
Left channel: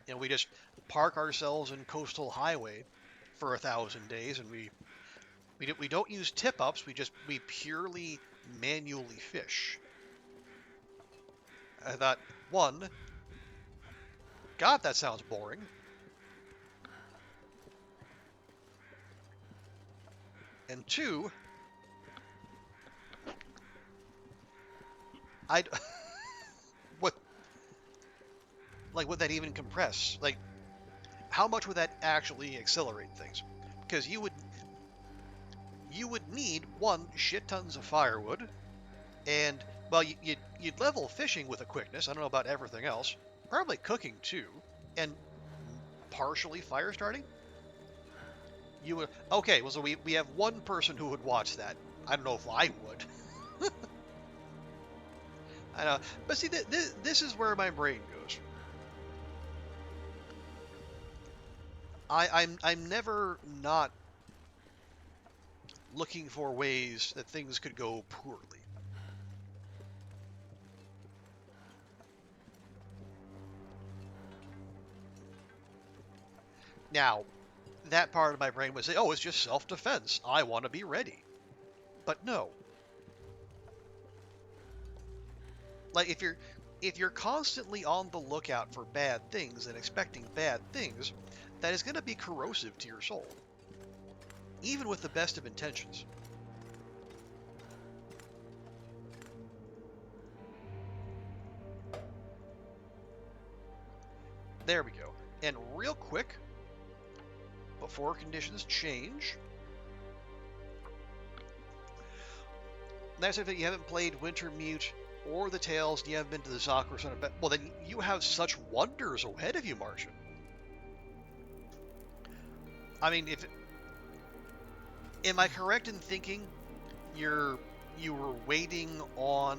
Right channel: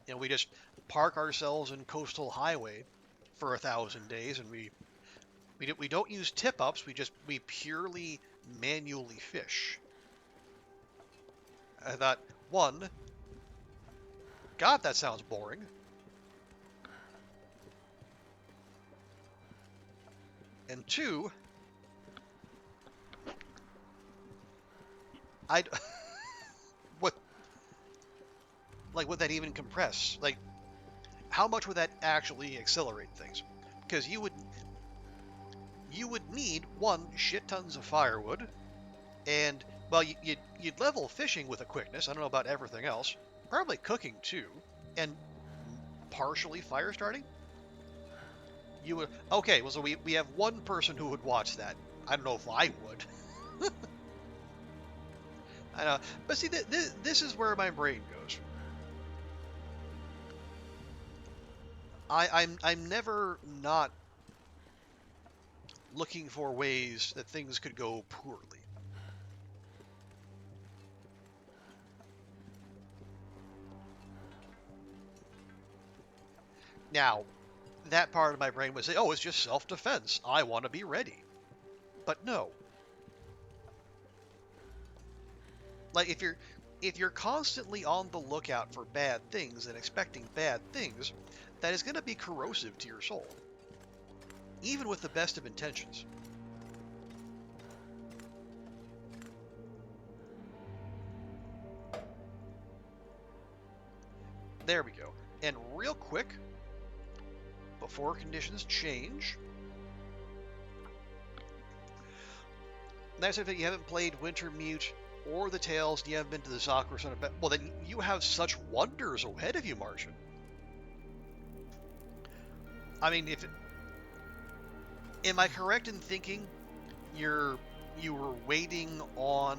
You know, we just park ourselves in coastal highway for 1,000 days, and we don't use tip ups. We purely manually fish. I thought, one, God, that sounds boring, and two, I what like would that even compress? Like, how much would that actually accelerate things? Because you would need one shit tons of firewood, and well, you'd level fishing with a quickness. I don't know about everything else. Probably cooking too, and partially fire starting. You would okay. Well, so we have one person who would watch that. I don't know if I would. I know, but see, this is where my brain goes. I'm never not looking for ways that things could go poorly. Now, that part of my brain would say, "Oh, it's just self-defense. I want to be ready." But no. Like if you're constantly on the lookout for bad things and expecting bad things, that is going to be corrosive to your soul, even with the best of intentions. There we go. And real quick, before conditions change, that's if you haven't played Wintermute or the Tales, and you haven't been to the Zakura Center, well, then you have such wonders ahead of you, Martian. I mean, if am I correct in thinking you were waiting on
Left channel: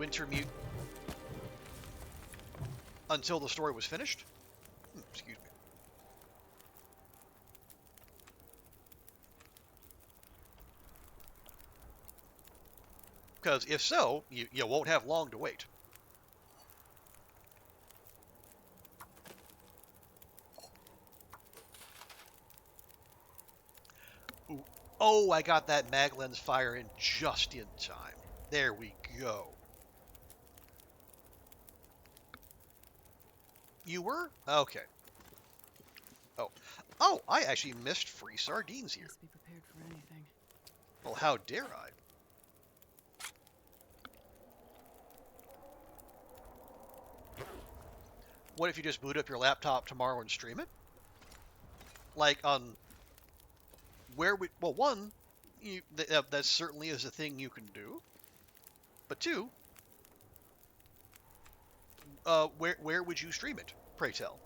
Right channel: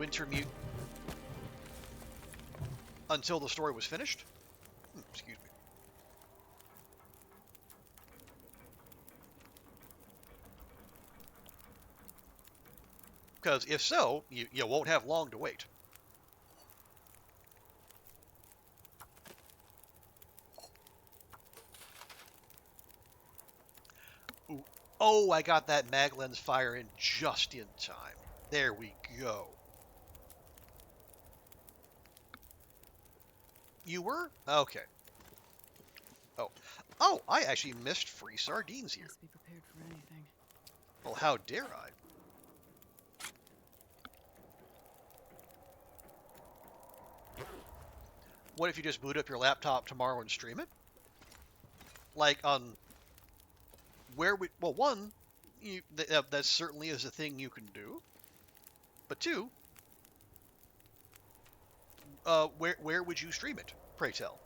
Wintermute until the story was finished? Excuse me. Because if so, you won't have long to wait. Ooh. Oh, I got that mag lens fire in just in time. There we go. You were? Okay. Oh. Oh, I actually missed free sardines here. Must be prepared for anything. Well, how dare I? What if you just boot up your laptop tomorrow and stream it? Like on where we, well, one, that certainly is a thing you can do. But two, where would you stream it? Pray tell.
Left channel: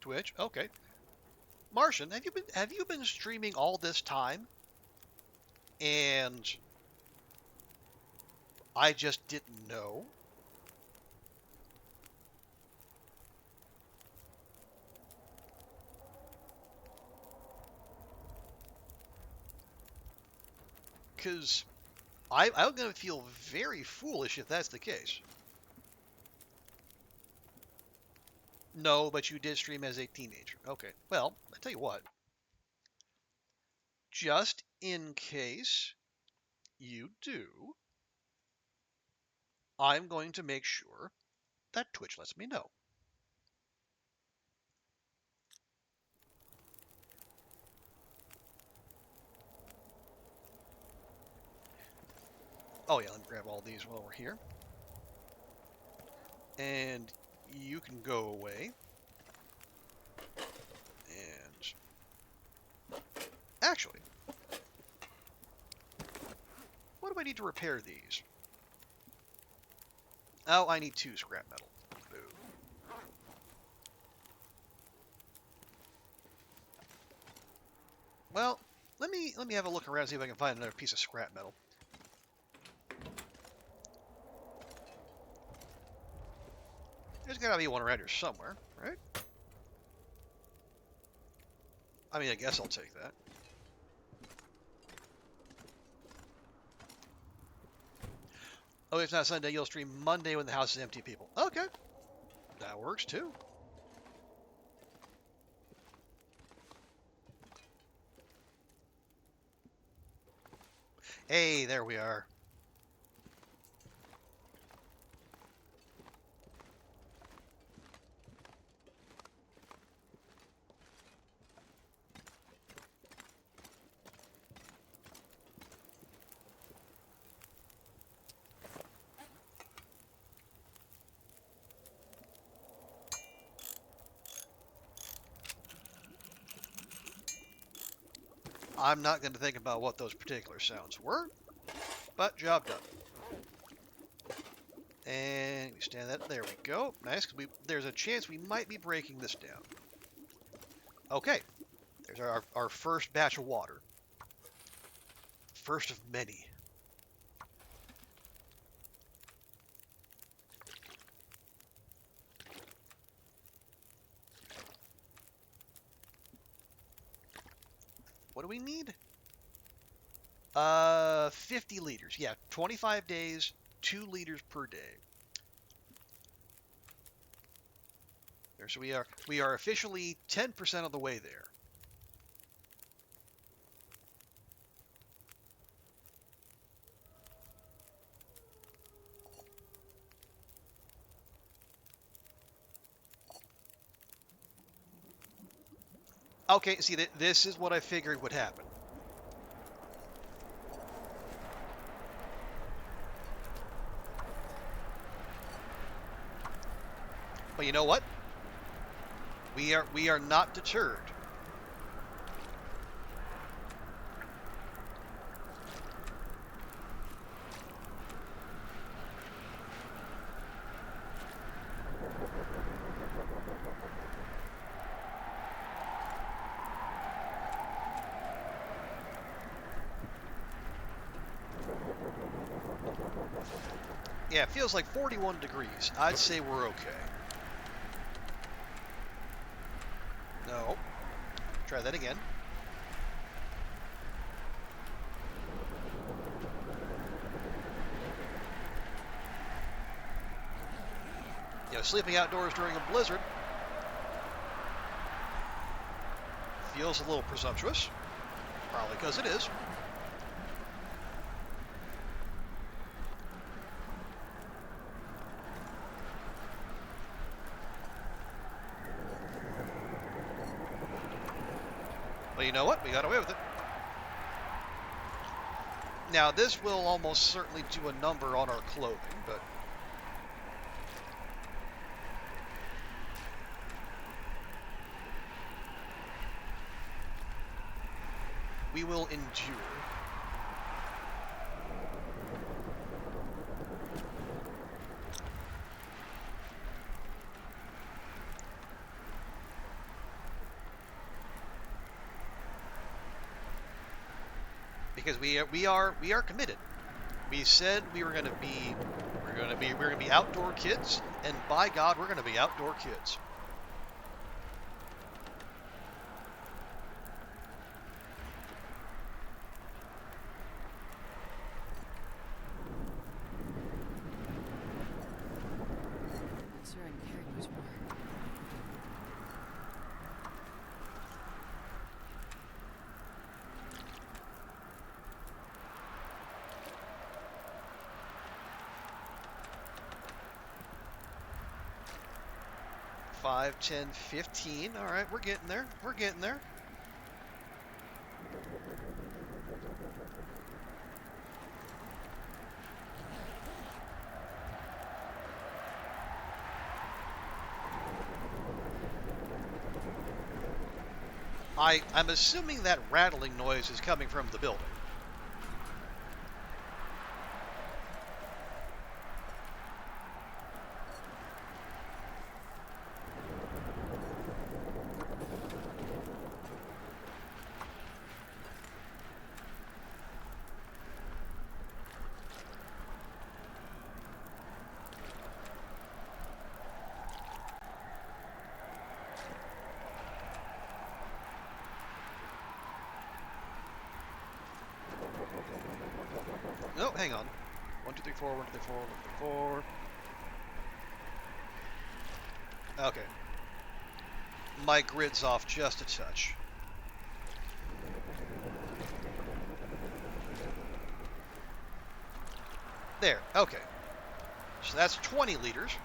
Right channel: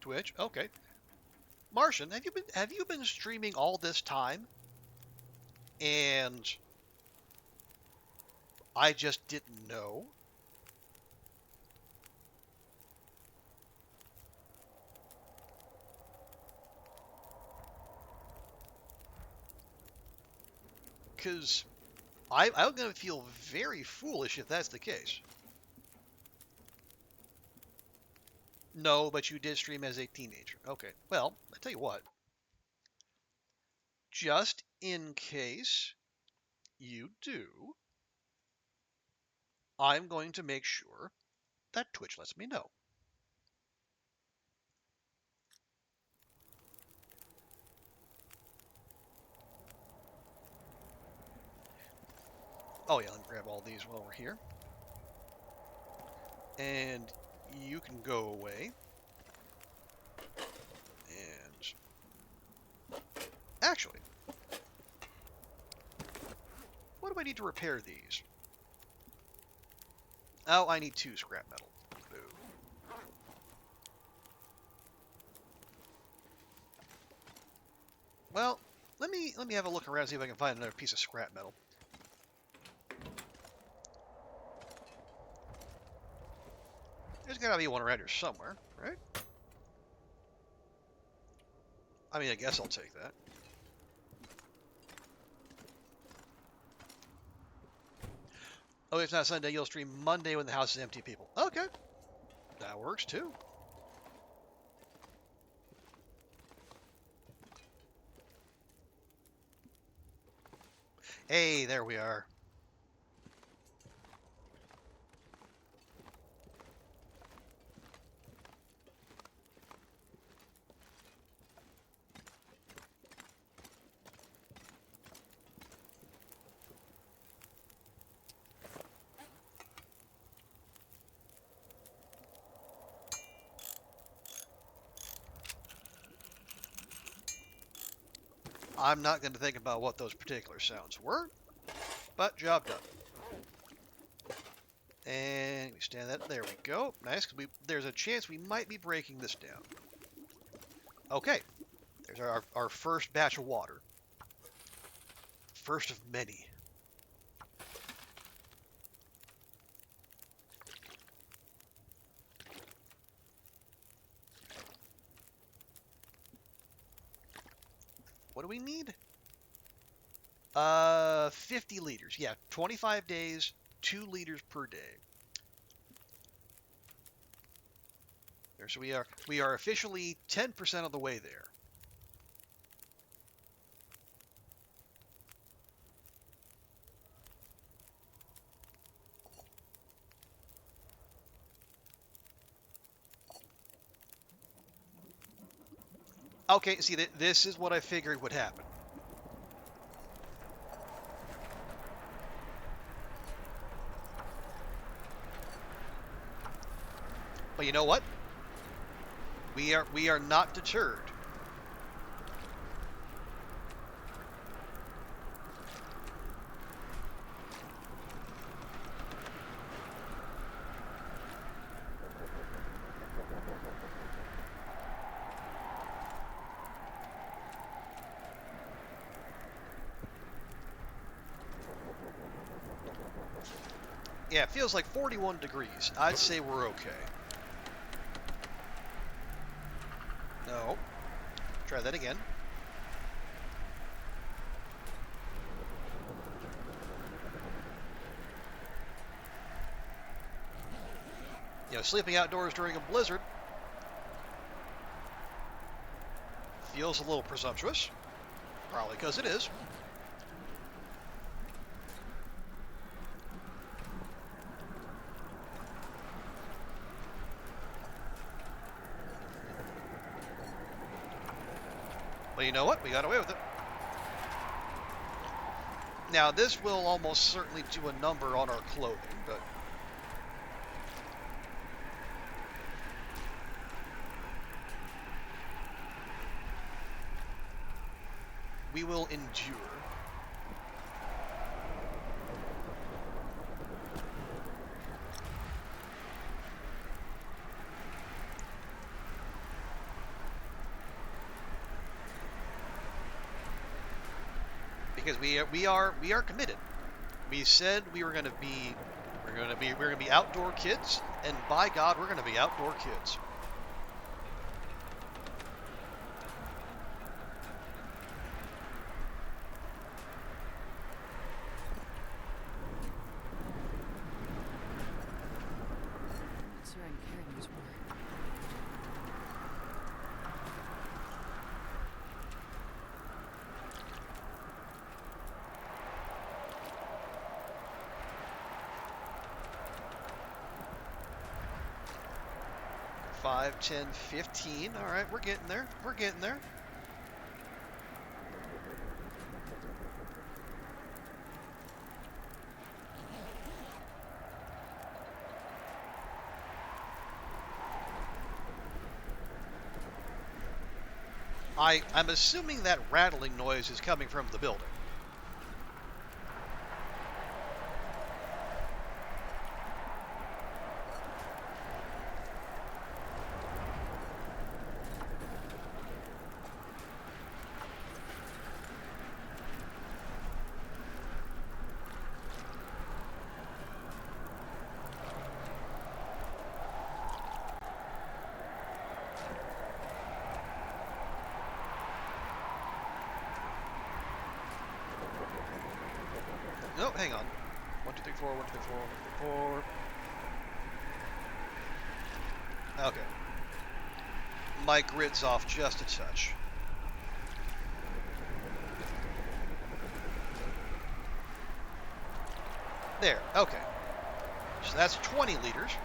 Twitch. Okay. Martian, have you been streaming all this time? And I just didn't know. Because I'm going to feel very foolish if that's the case. No, but you did stream as a teenager. Okay. Well, I tell you what. Just in case you do, I'm going to make sure that Twitch lets me know. Oh yeah, let me grab all these while we're here. And you can go away. And actually, what do I need to repair these? Oh, I need 2 scrap metal. Boo. Well, let me have a look around, see if I can find another piece of scrap metal. There's gotta be one around here somewhere, right? I mean, I guess I'll take that. Oh, if not Sunday, you'll stream Monday when the house is empty, people. Okay, that works too. Hey, there we are. I'm not going to think about what those particular sounds were, but job done. And we stand that. There we go. Nice, because there's a chance we might be breaking this down. Okay, there's our first batch of water. First of many. What do we need? 50 liters. Yeah, 25 days, 2 liters per day. There, so we are officially 10% of the way there. Okay, see, this is what I figured would happen. But you know what? We are not deterred. Yeah, it feels like 41 degrees. I'd say we're okay. No. Try that again. You know, sleeping outdoors during a blizzard feels a little presumptuous. Probably because it is. But you know what? We got away with it. Now, this will almost certainly do a number on our clothing, but we will endure. Because we are committed. We said we were going to be outdoor kids, and by God, we're going to be outdoor kids. Not sure I can carry much more. Five, 10, 15. All right, we're getting there. We're getting there. I'm assuming that rattling noise is coming from the building. hang on. 1, 2, 3, 4, 1, 2, 3, 4, 1, 2, 3, 4. Okay. My grid's off just a touch. There. Okay. So that's 20 liters.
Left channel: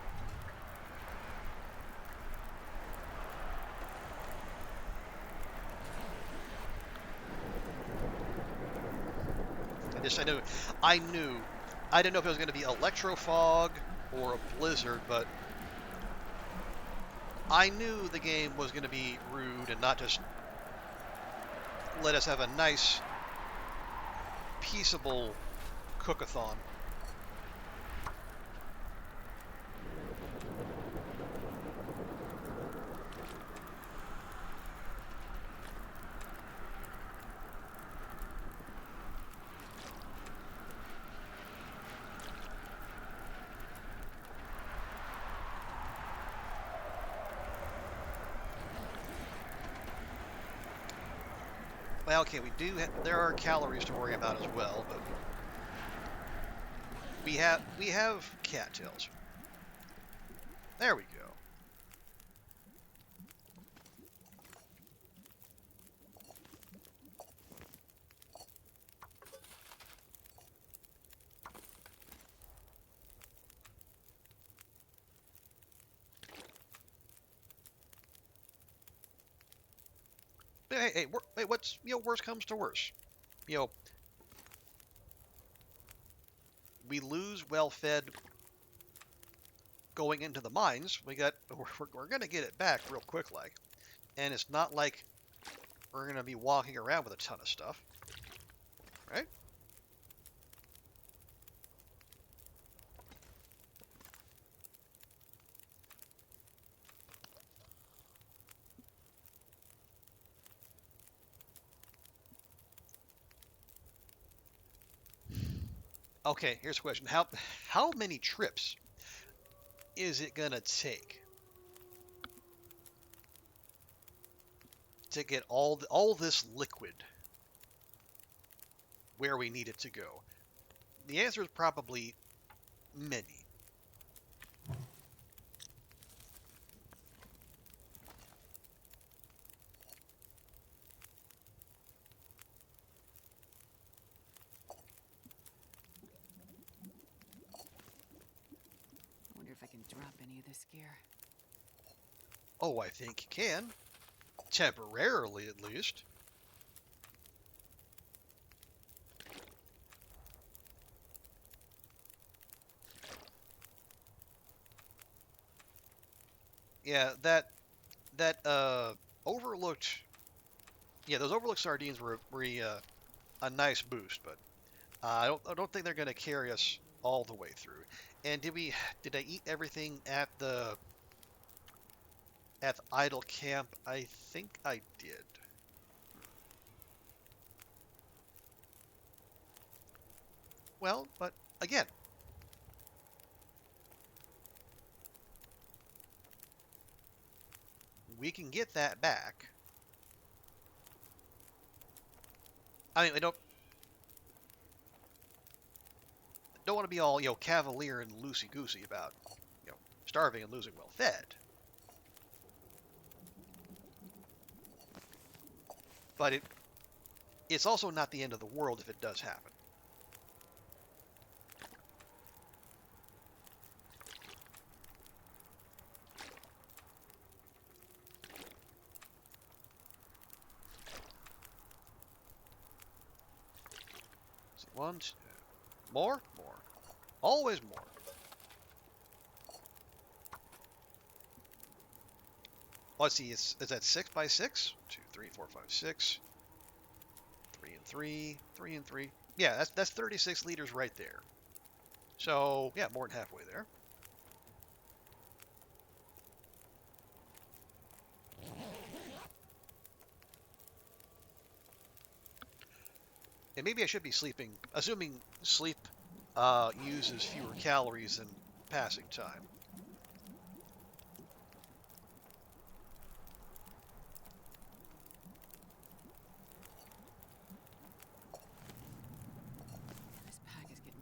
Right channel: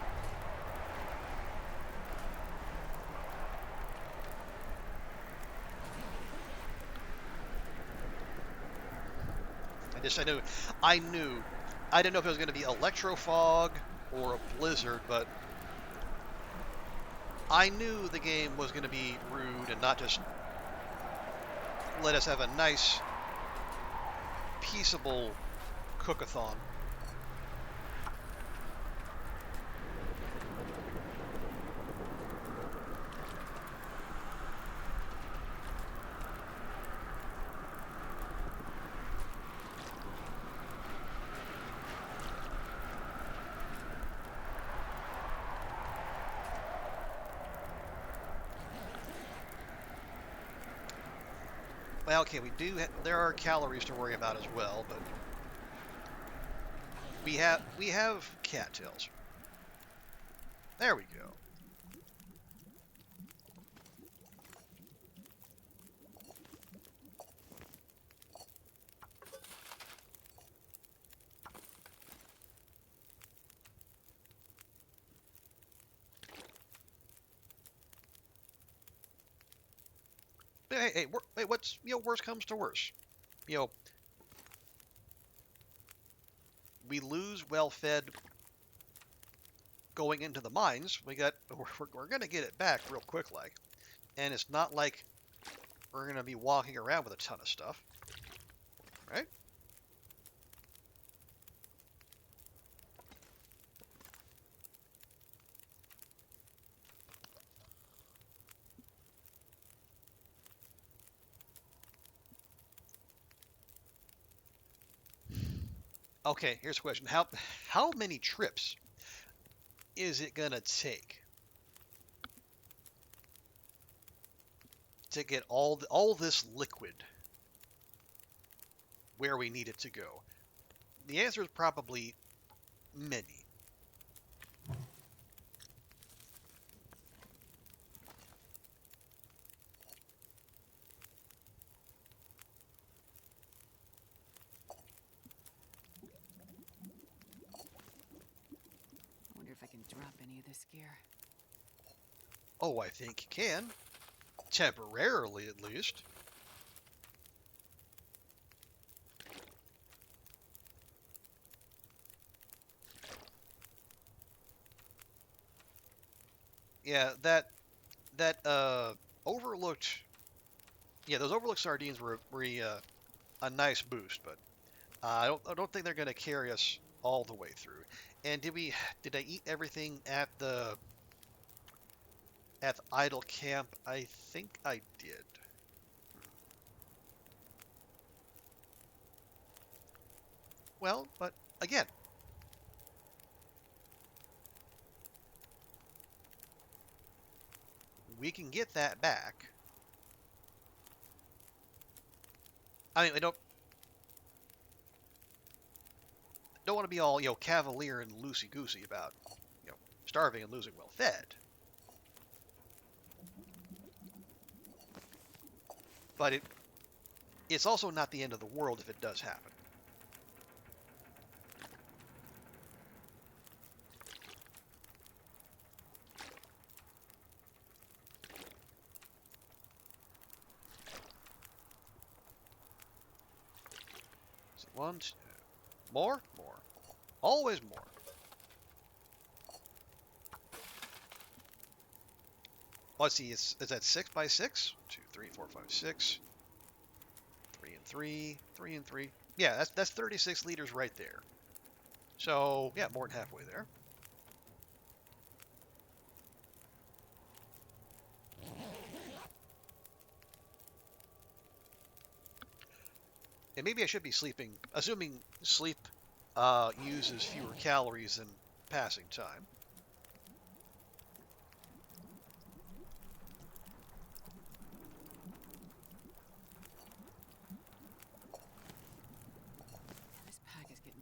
I knew. I didn't know if it was going to be electro fog or a blizzard, but I knew the game was going to be rude and not just let us have a nice, peaceable cookathon. Well, okay, there are calories to worry about as well, but we have cattails. There we go. Hey, what's worst comes to worst? You know, we lose well-fed going into the mines. We're gonna get it back real quick, like, and it's not like we're gonna be walking around with a ton of stuff, right? Okay, here's a question: how many trips is it gonna take to get all this liquid where we need it to go? The answer is probably many. I wonder if I can drop any of this gear. Oh, I think you can. Temporarily, at least. Yeah, that overlooked. Yeah, those overlooked sardines were a nice boost, but I don't think they're going to carry us all the way through. And did I eat everything at the idle camp? I think I did. Well, but again, we can get that back. I mean, I don't want to be all cavalier and loosey goosey about starving and losing well fed. But it's also not the end of the world if it does happen. Let's see, one, two, more, always more. Let's see, is that 6 by 6? 2, 3, 4, 5, 6. 3 and 3, 3 and 3. Yeah, that's 36 liters right there. So yeah, more than halfway there. And maybe I should be sleeping, assuming sleep uses fewer calories than passing time. This pack is getting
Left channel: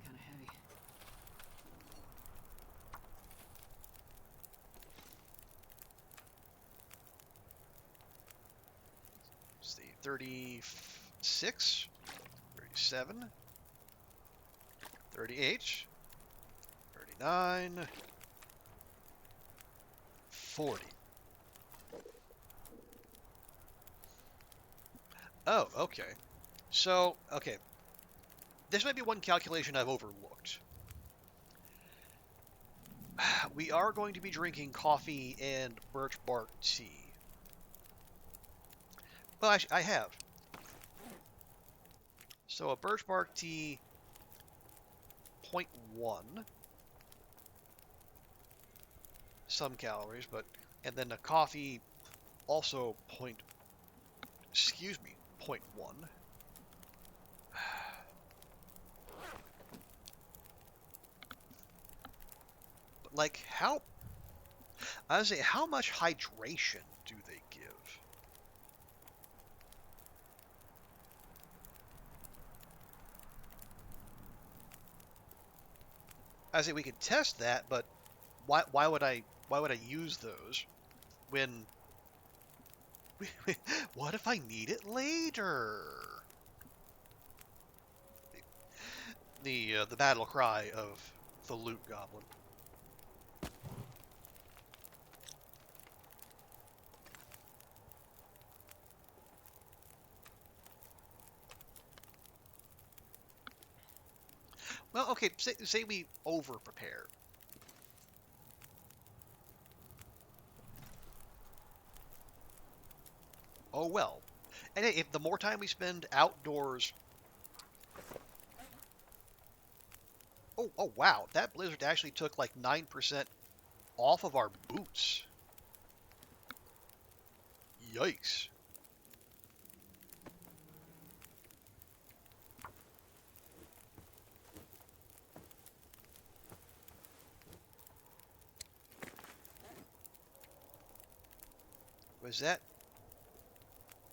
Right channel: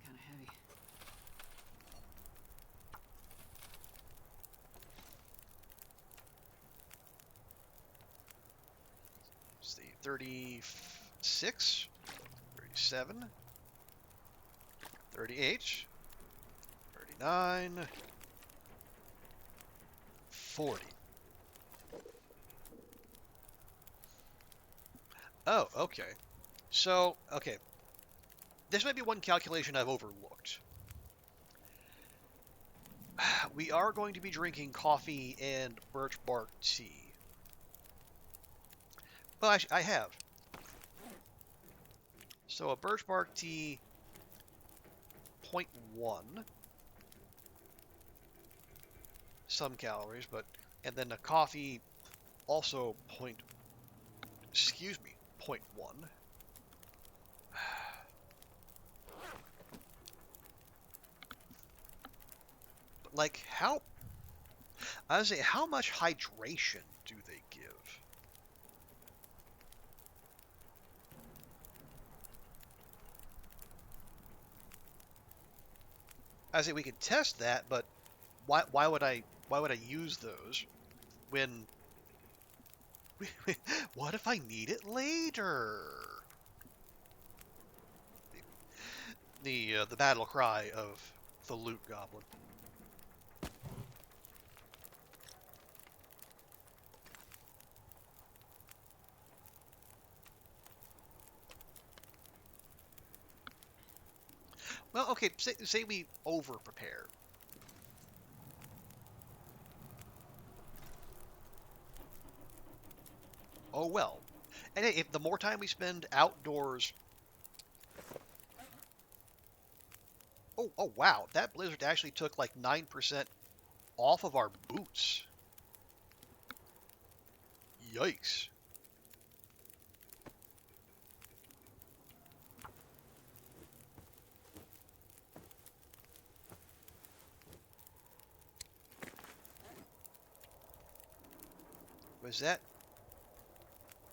36, 37, 38, 39, 40. Oh, okay. So, okay. This might be one calculation I've overlooked. We are going to be drinking coffee and birch bark tea. Well, I have. So a birch bark tea, 0.1, some calories, but, and then a coffee, also excuse me, 0.1. But like, I was say, how much hydration do they give? I say we could test that, but why would I use those when what if I need it later? The battle cry of the loot goblin. Well, okay, say we over prepare. Oh well. And if the more time we spend outdoors. Oh wow, that blizzard actually took like 9% off of our boots. Yikes. Was that?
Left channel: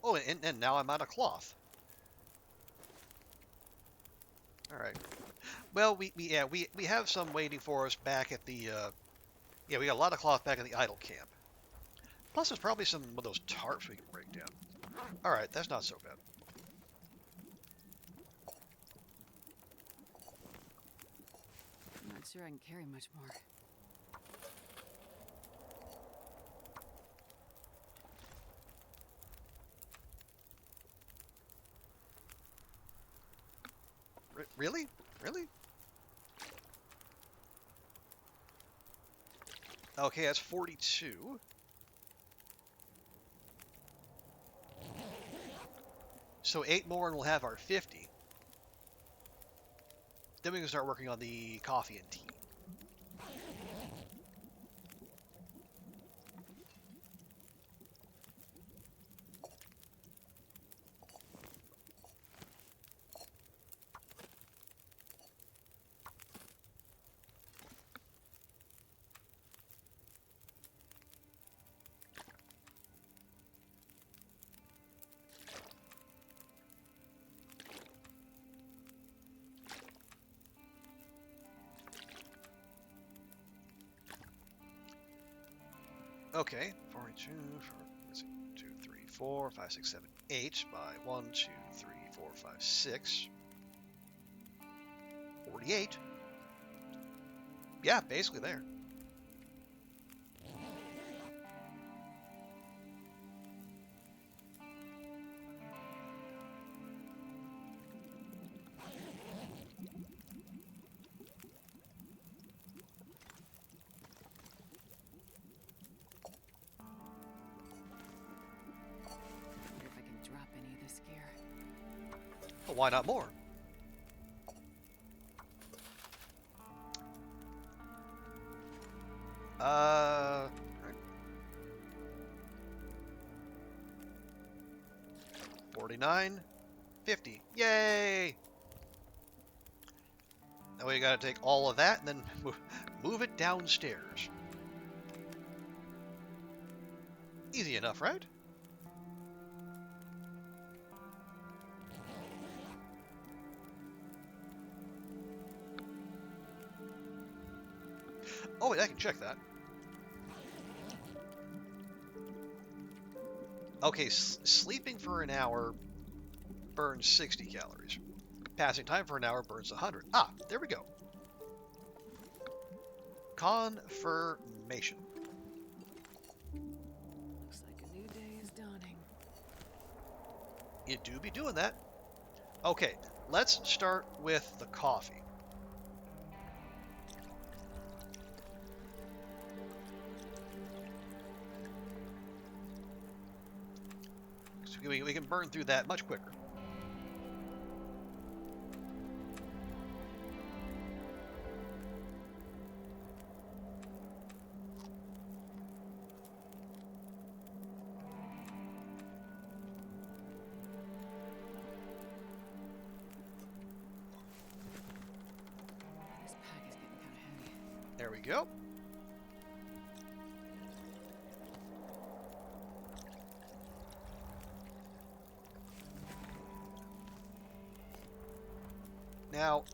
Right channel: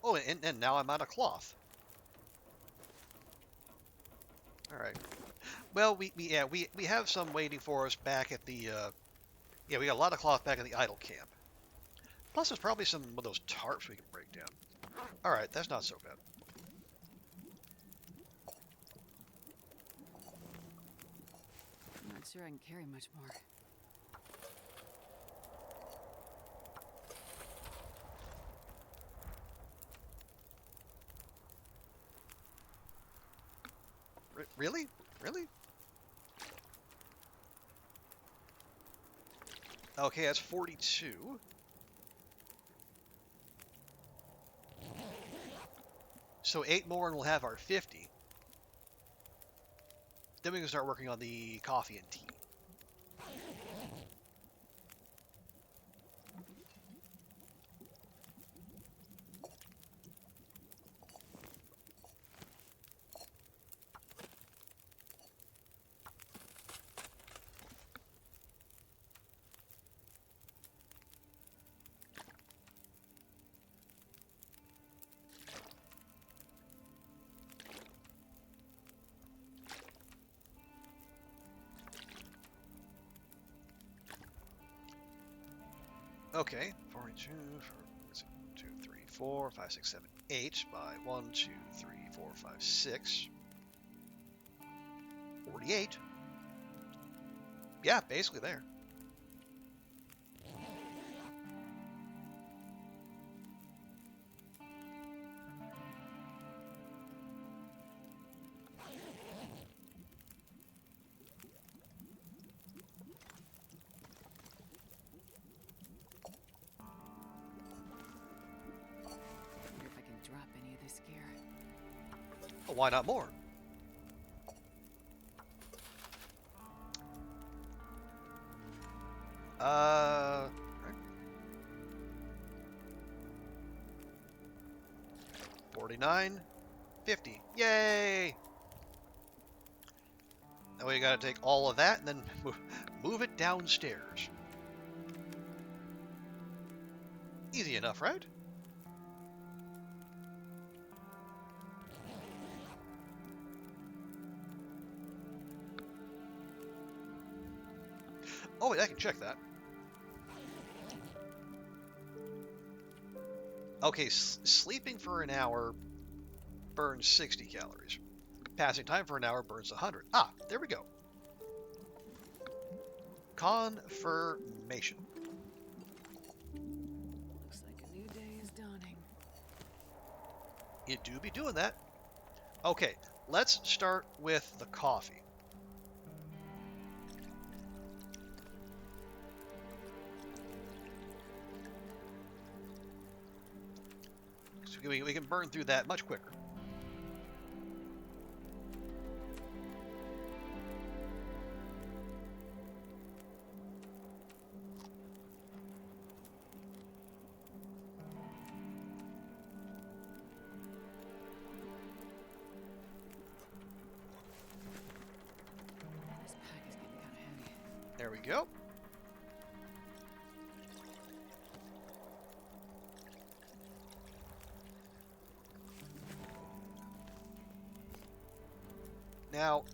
Oh, and now I'm out of cloth. All right. Well, we have some waiting for us back at the yeah, we got a lot of cloth back at the idle camp. Plus, there's probably some of those tarps we can break down. All right, that's not so bad. I'm not sure I can carry much more. Really? Really? Okay, that's 42. So 8 more and we'll have our 50. Then we can start working on the coffee and tea. Okay, 42, 2, 3, 4, 5, 6, 7, 8 by 1, 2, 3, 4, 5, 6. 48. Yeah, basically there. Wonder if I can drop any of this gear. Well, why not more? Right. 49, 50. Yay! Now we gotta take all of that and then move it downstairs. Easy enough, right? Oh, wait, I can check that. Okay, sleeping for an hour burns 60 calories. Passing time for an hour burns 100. Ah, there we go. Confirmation. Looks like a new day is dawning. It do be doing that. Okay, let's start with the coffee. So we can burn through that much quicker. This pack is getting kind of heavy. There we go. Now,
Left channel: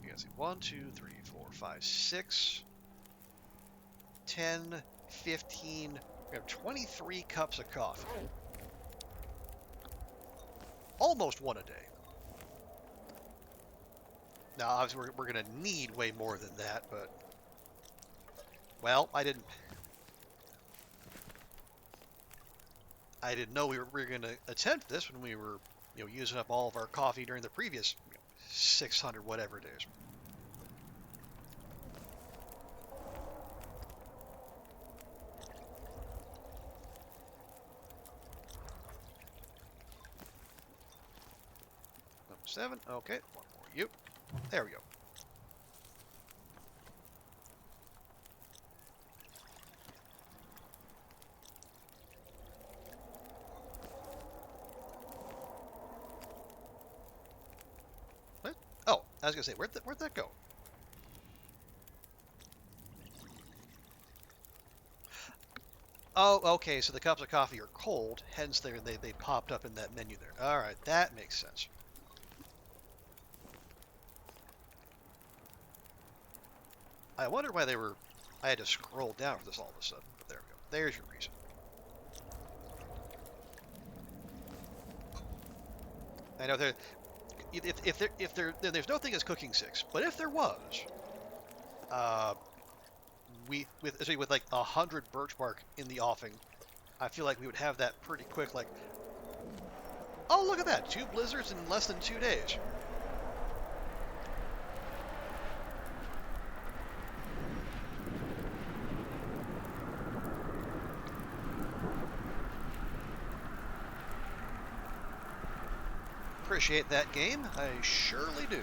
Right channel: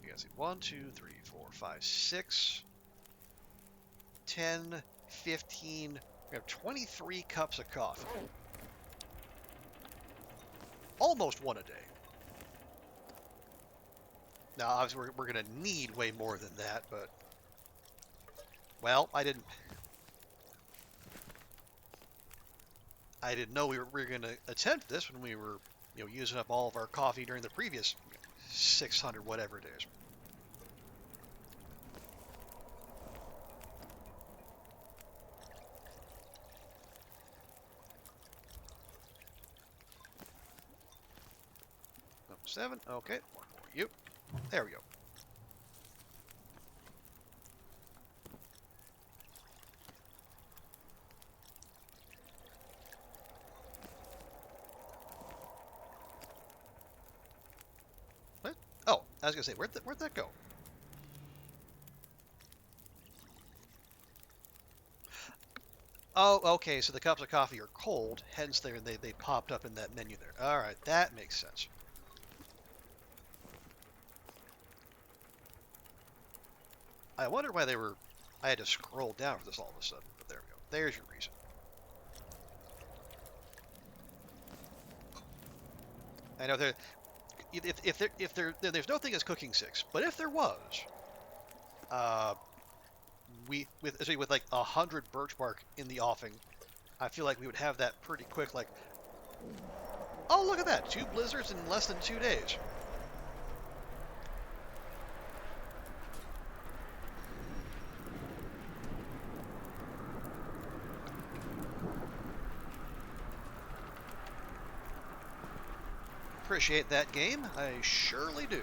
you guys see 1, 2, 3, 4, 5, 6, 10, 15. We have 23 cups of coffee. Almost one a day. Now, obviously, we're going to need way more than that, but... Well, I didn't know we were going to attempt this when we were, using up all of our coffee during the previous 600 whatever days. Number 7. Okay, one more you. There we go. What? Oh, I was gonna say, where'd that go? Oh, okay. So the cups of coffee are cold, hence they popped up in that menu there. All right, that makes sense. I wondered why I had to scroll down for this all of a sudden, but there we go. There's your reason. I know there's no thing as cooking 6, but if there was, with like 100 birch bark in the offing, I feel like we would have that pretty quick. Like, oh look at that, 2 blizzards in less than 2 days. Appreciate that game, I surely do.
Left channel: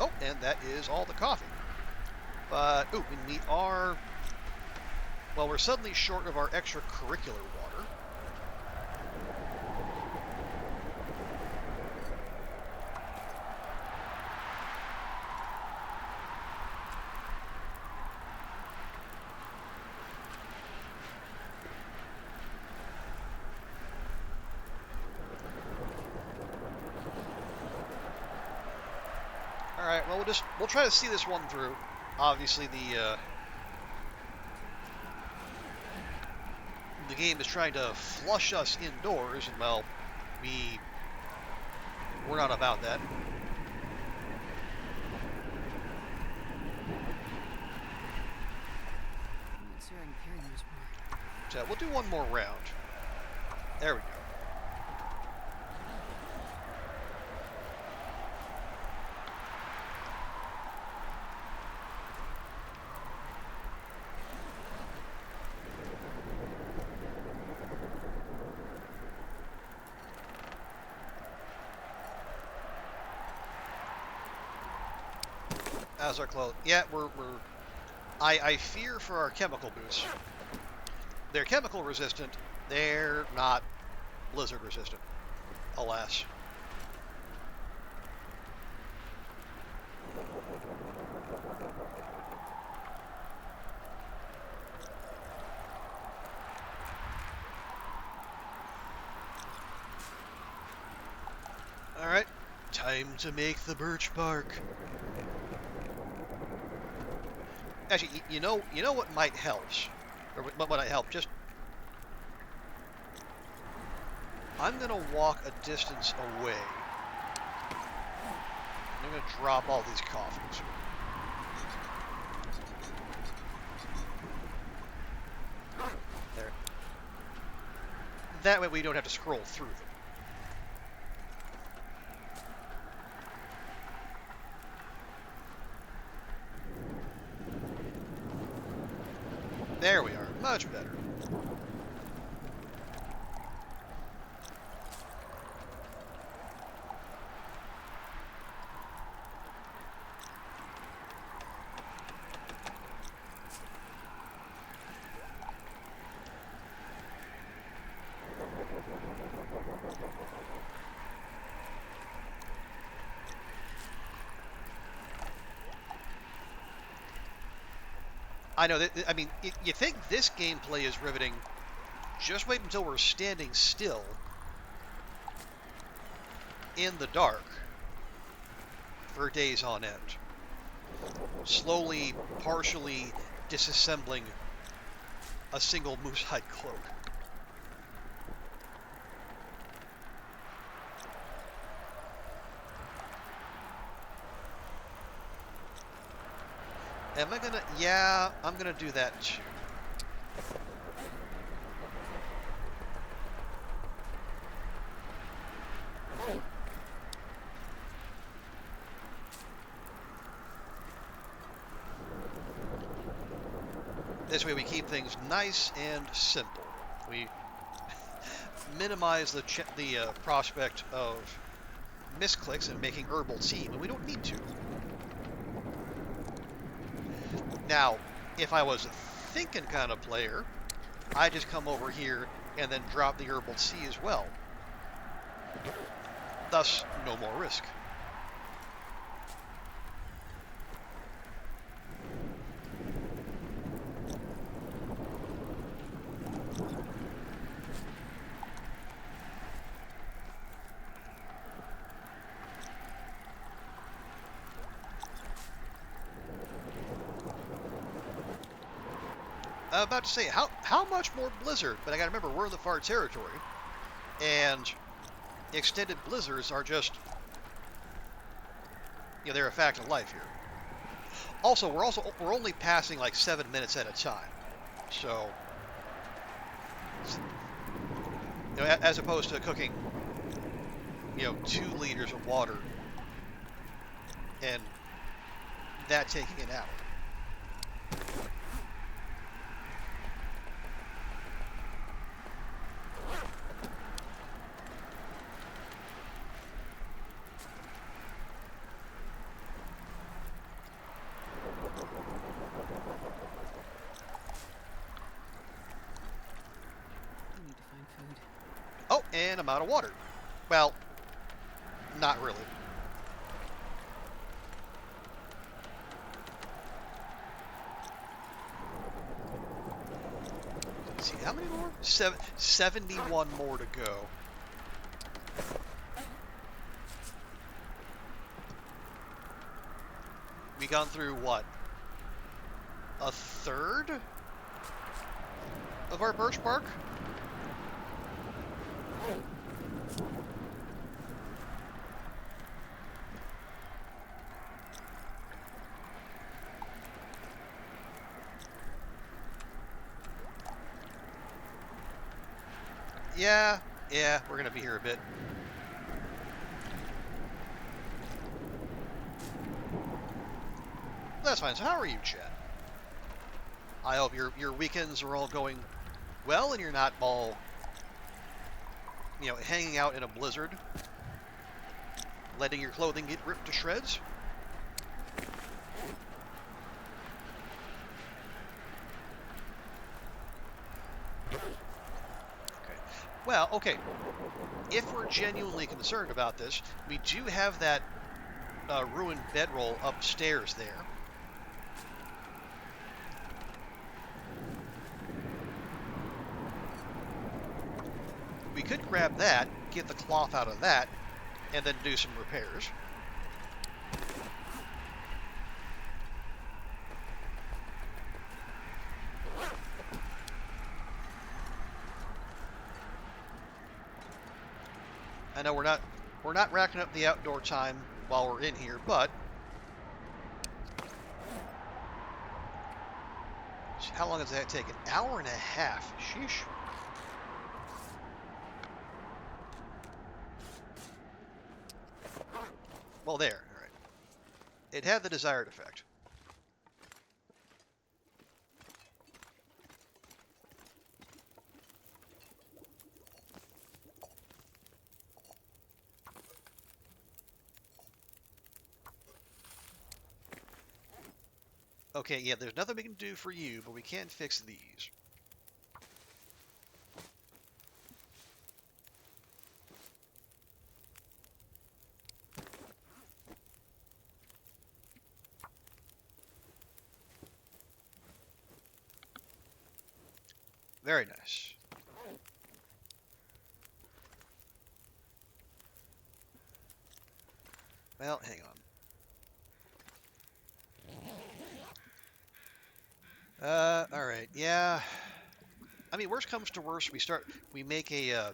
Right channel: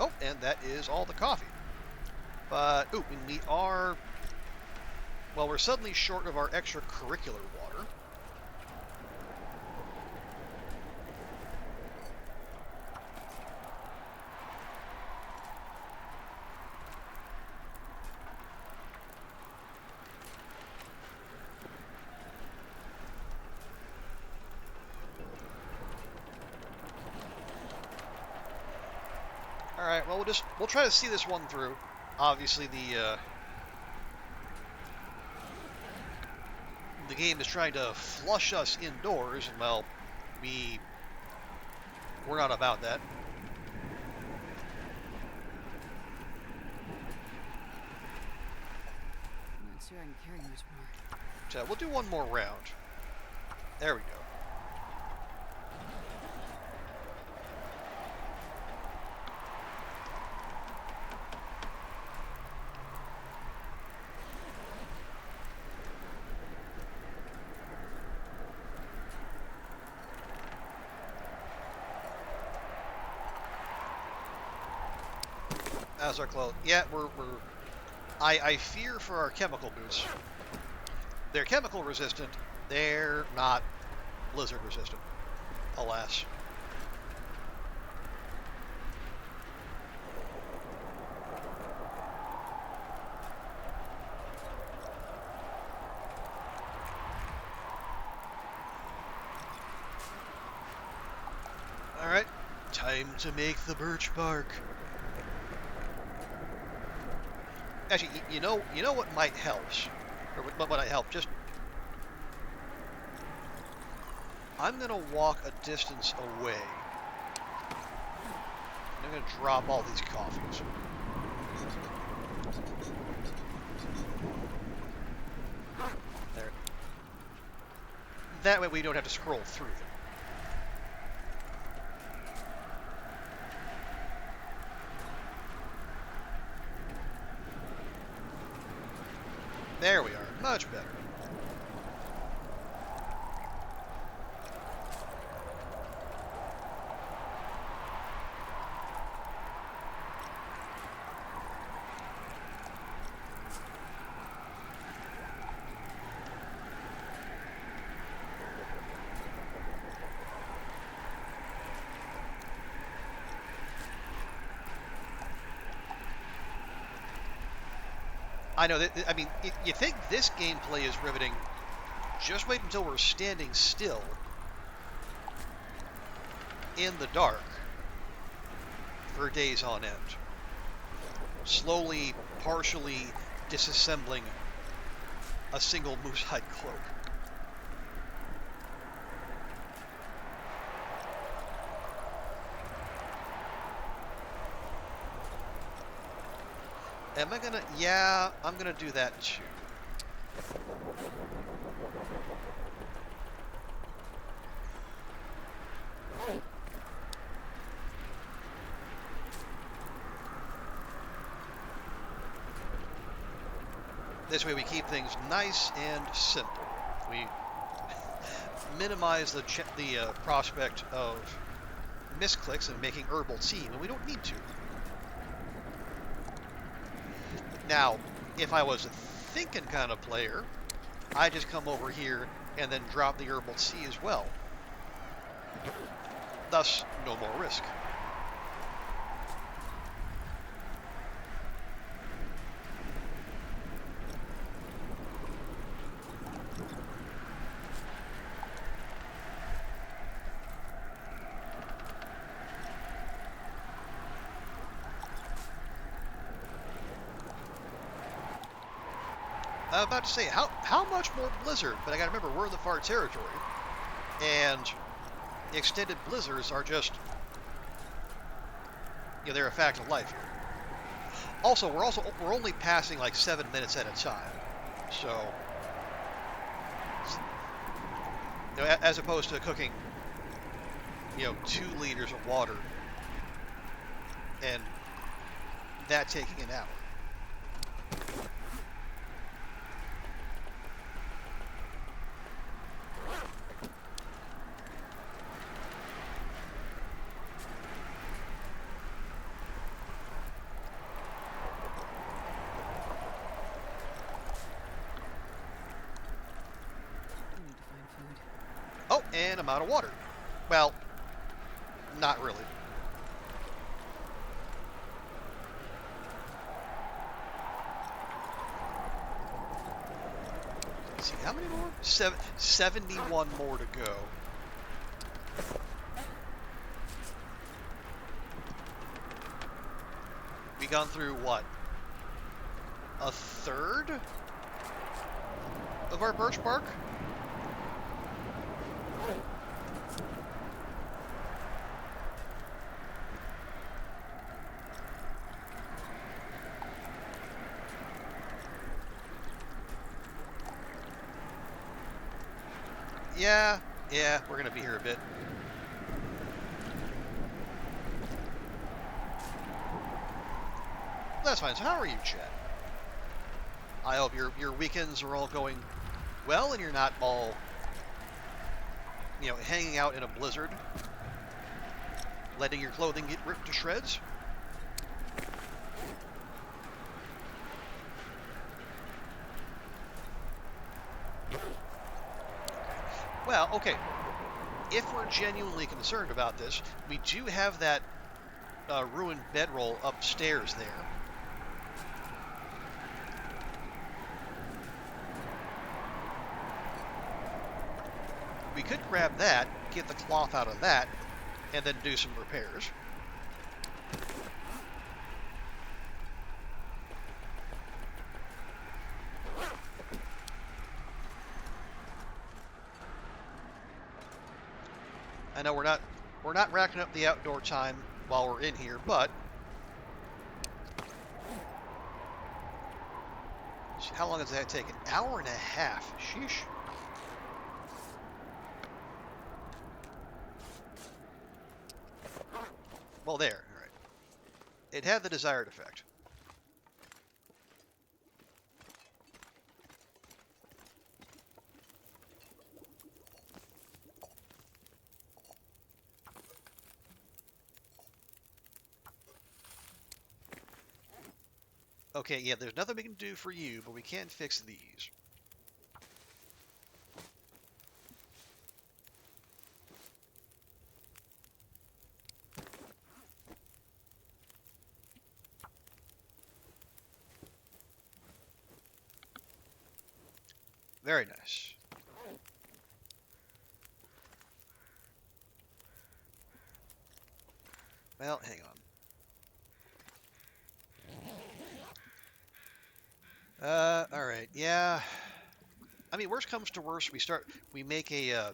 Oh, and that is all the coffee. But, ooh, we are... Well, we're suddenly short of our extracurricular water. All right, well, we'll try to see this one through. Obviously, the game is trying to flush us indoors, and well, we're not about that. I'm not sure I can carry much more. So we'll do one more round. There we go. As our clothes. Yeah, I fear for our chemical boots. They're chemical resistant. They're not blizzard resistant. Alas. Time to make the birch bark. Actually, you know what might help, or what might help. Just I'm gonna walk a distance away. And I'm gonna drop all these coffees. There. That way we don't have to scroll through them. There we are. Much better. I know that, I mean, you think this gameplay is riveting. Just wait until we're standing still in the dark for days on end. Slowly, partially disassembling a single moose hide cloak. Am I gonna? Yeah, I'm gonna do that too. This way we keep things nice and simple. We minimize the prospect of misclicks and making herbal tea when we don't need to. Now, if I was a thinking kind of player, I just come over here and then drop the herbal tea as well. Thus, no more risk. I'm about to say, how much more blizzard? But I gotta remember, we're in the far territory, and extended blizzards are just, they're a fact of life here. Also, we're only passing like 7 minutes at a time, so as opposed to cooking, 2 liters of water, and that taking an hour. Oh, and I'm out of water. Well, not really. Let's see, how many more? 71 more to go. We gone through, what? A third of our birch bark? Yeah, we're gonna be here a bit. That's fine. So how are you, Chad? I hope your weekends are all going well and you're not all, hanging out in a blizzard, letting your clothing get ripped to shreds. Well, okay. If we're genuinely concerned about this, we do have that ruined bedroll upstairs there. We could grab that, get the cloth out of that, and then do some repairs. I know we're not racking up the outdoor time while we're in here, but how long does that take? An hour and a half. Sheesh. Well, there. All right. It had the desired effect. Okay, yeah, there's nothing we can do for you, but we can fix these. Very nice. Well, hang on. All right, yeah. I mean, worst comes to worst, we make a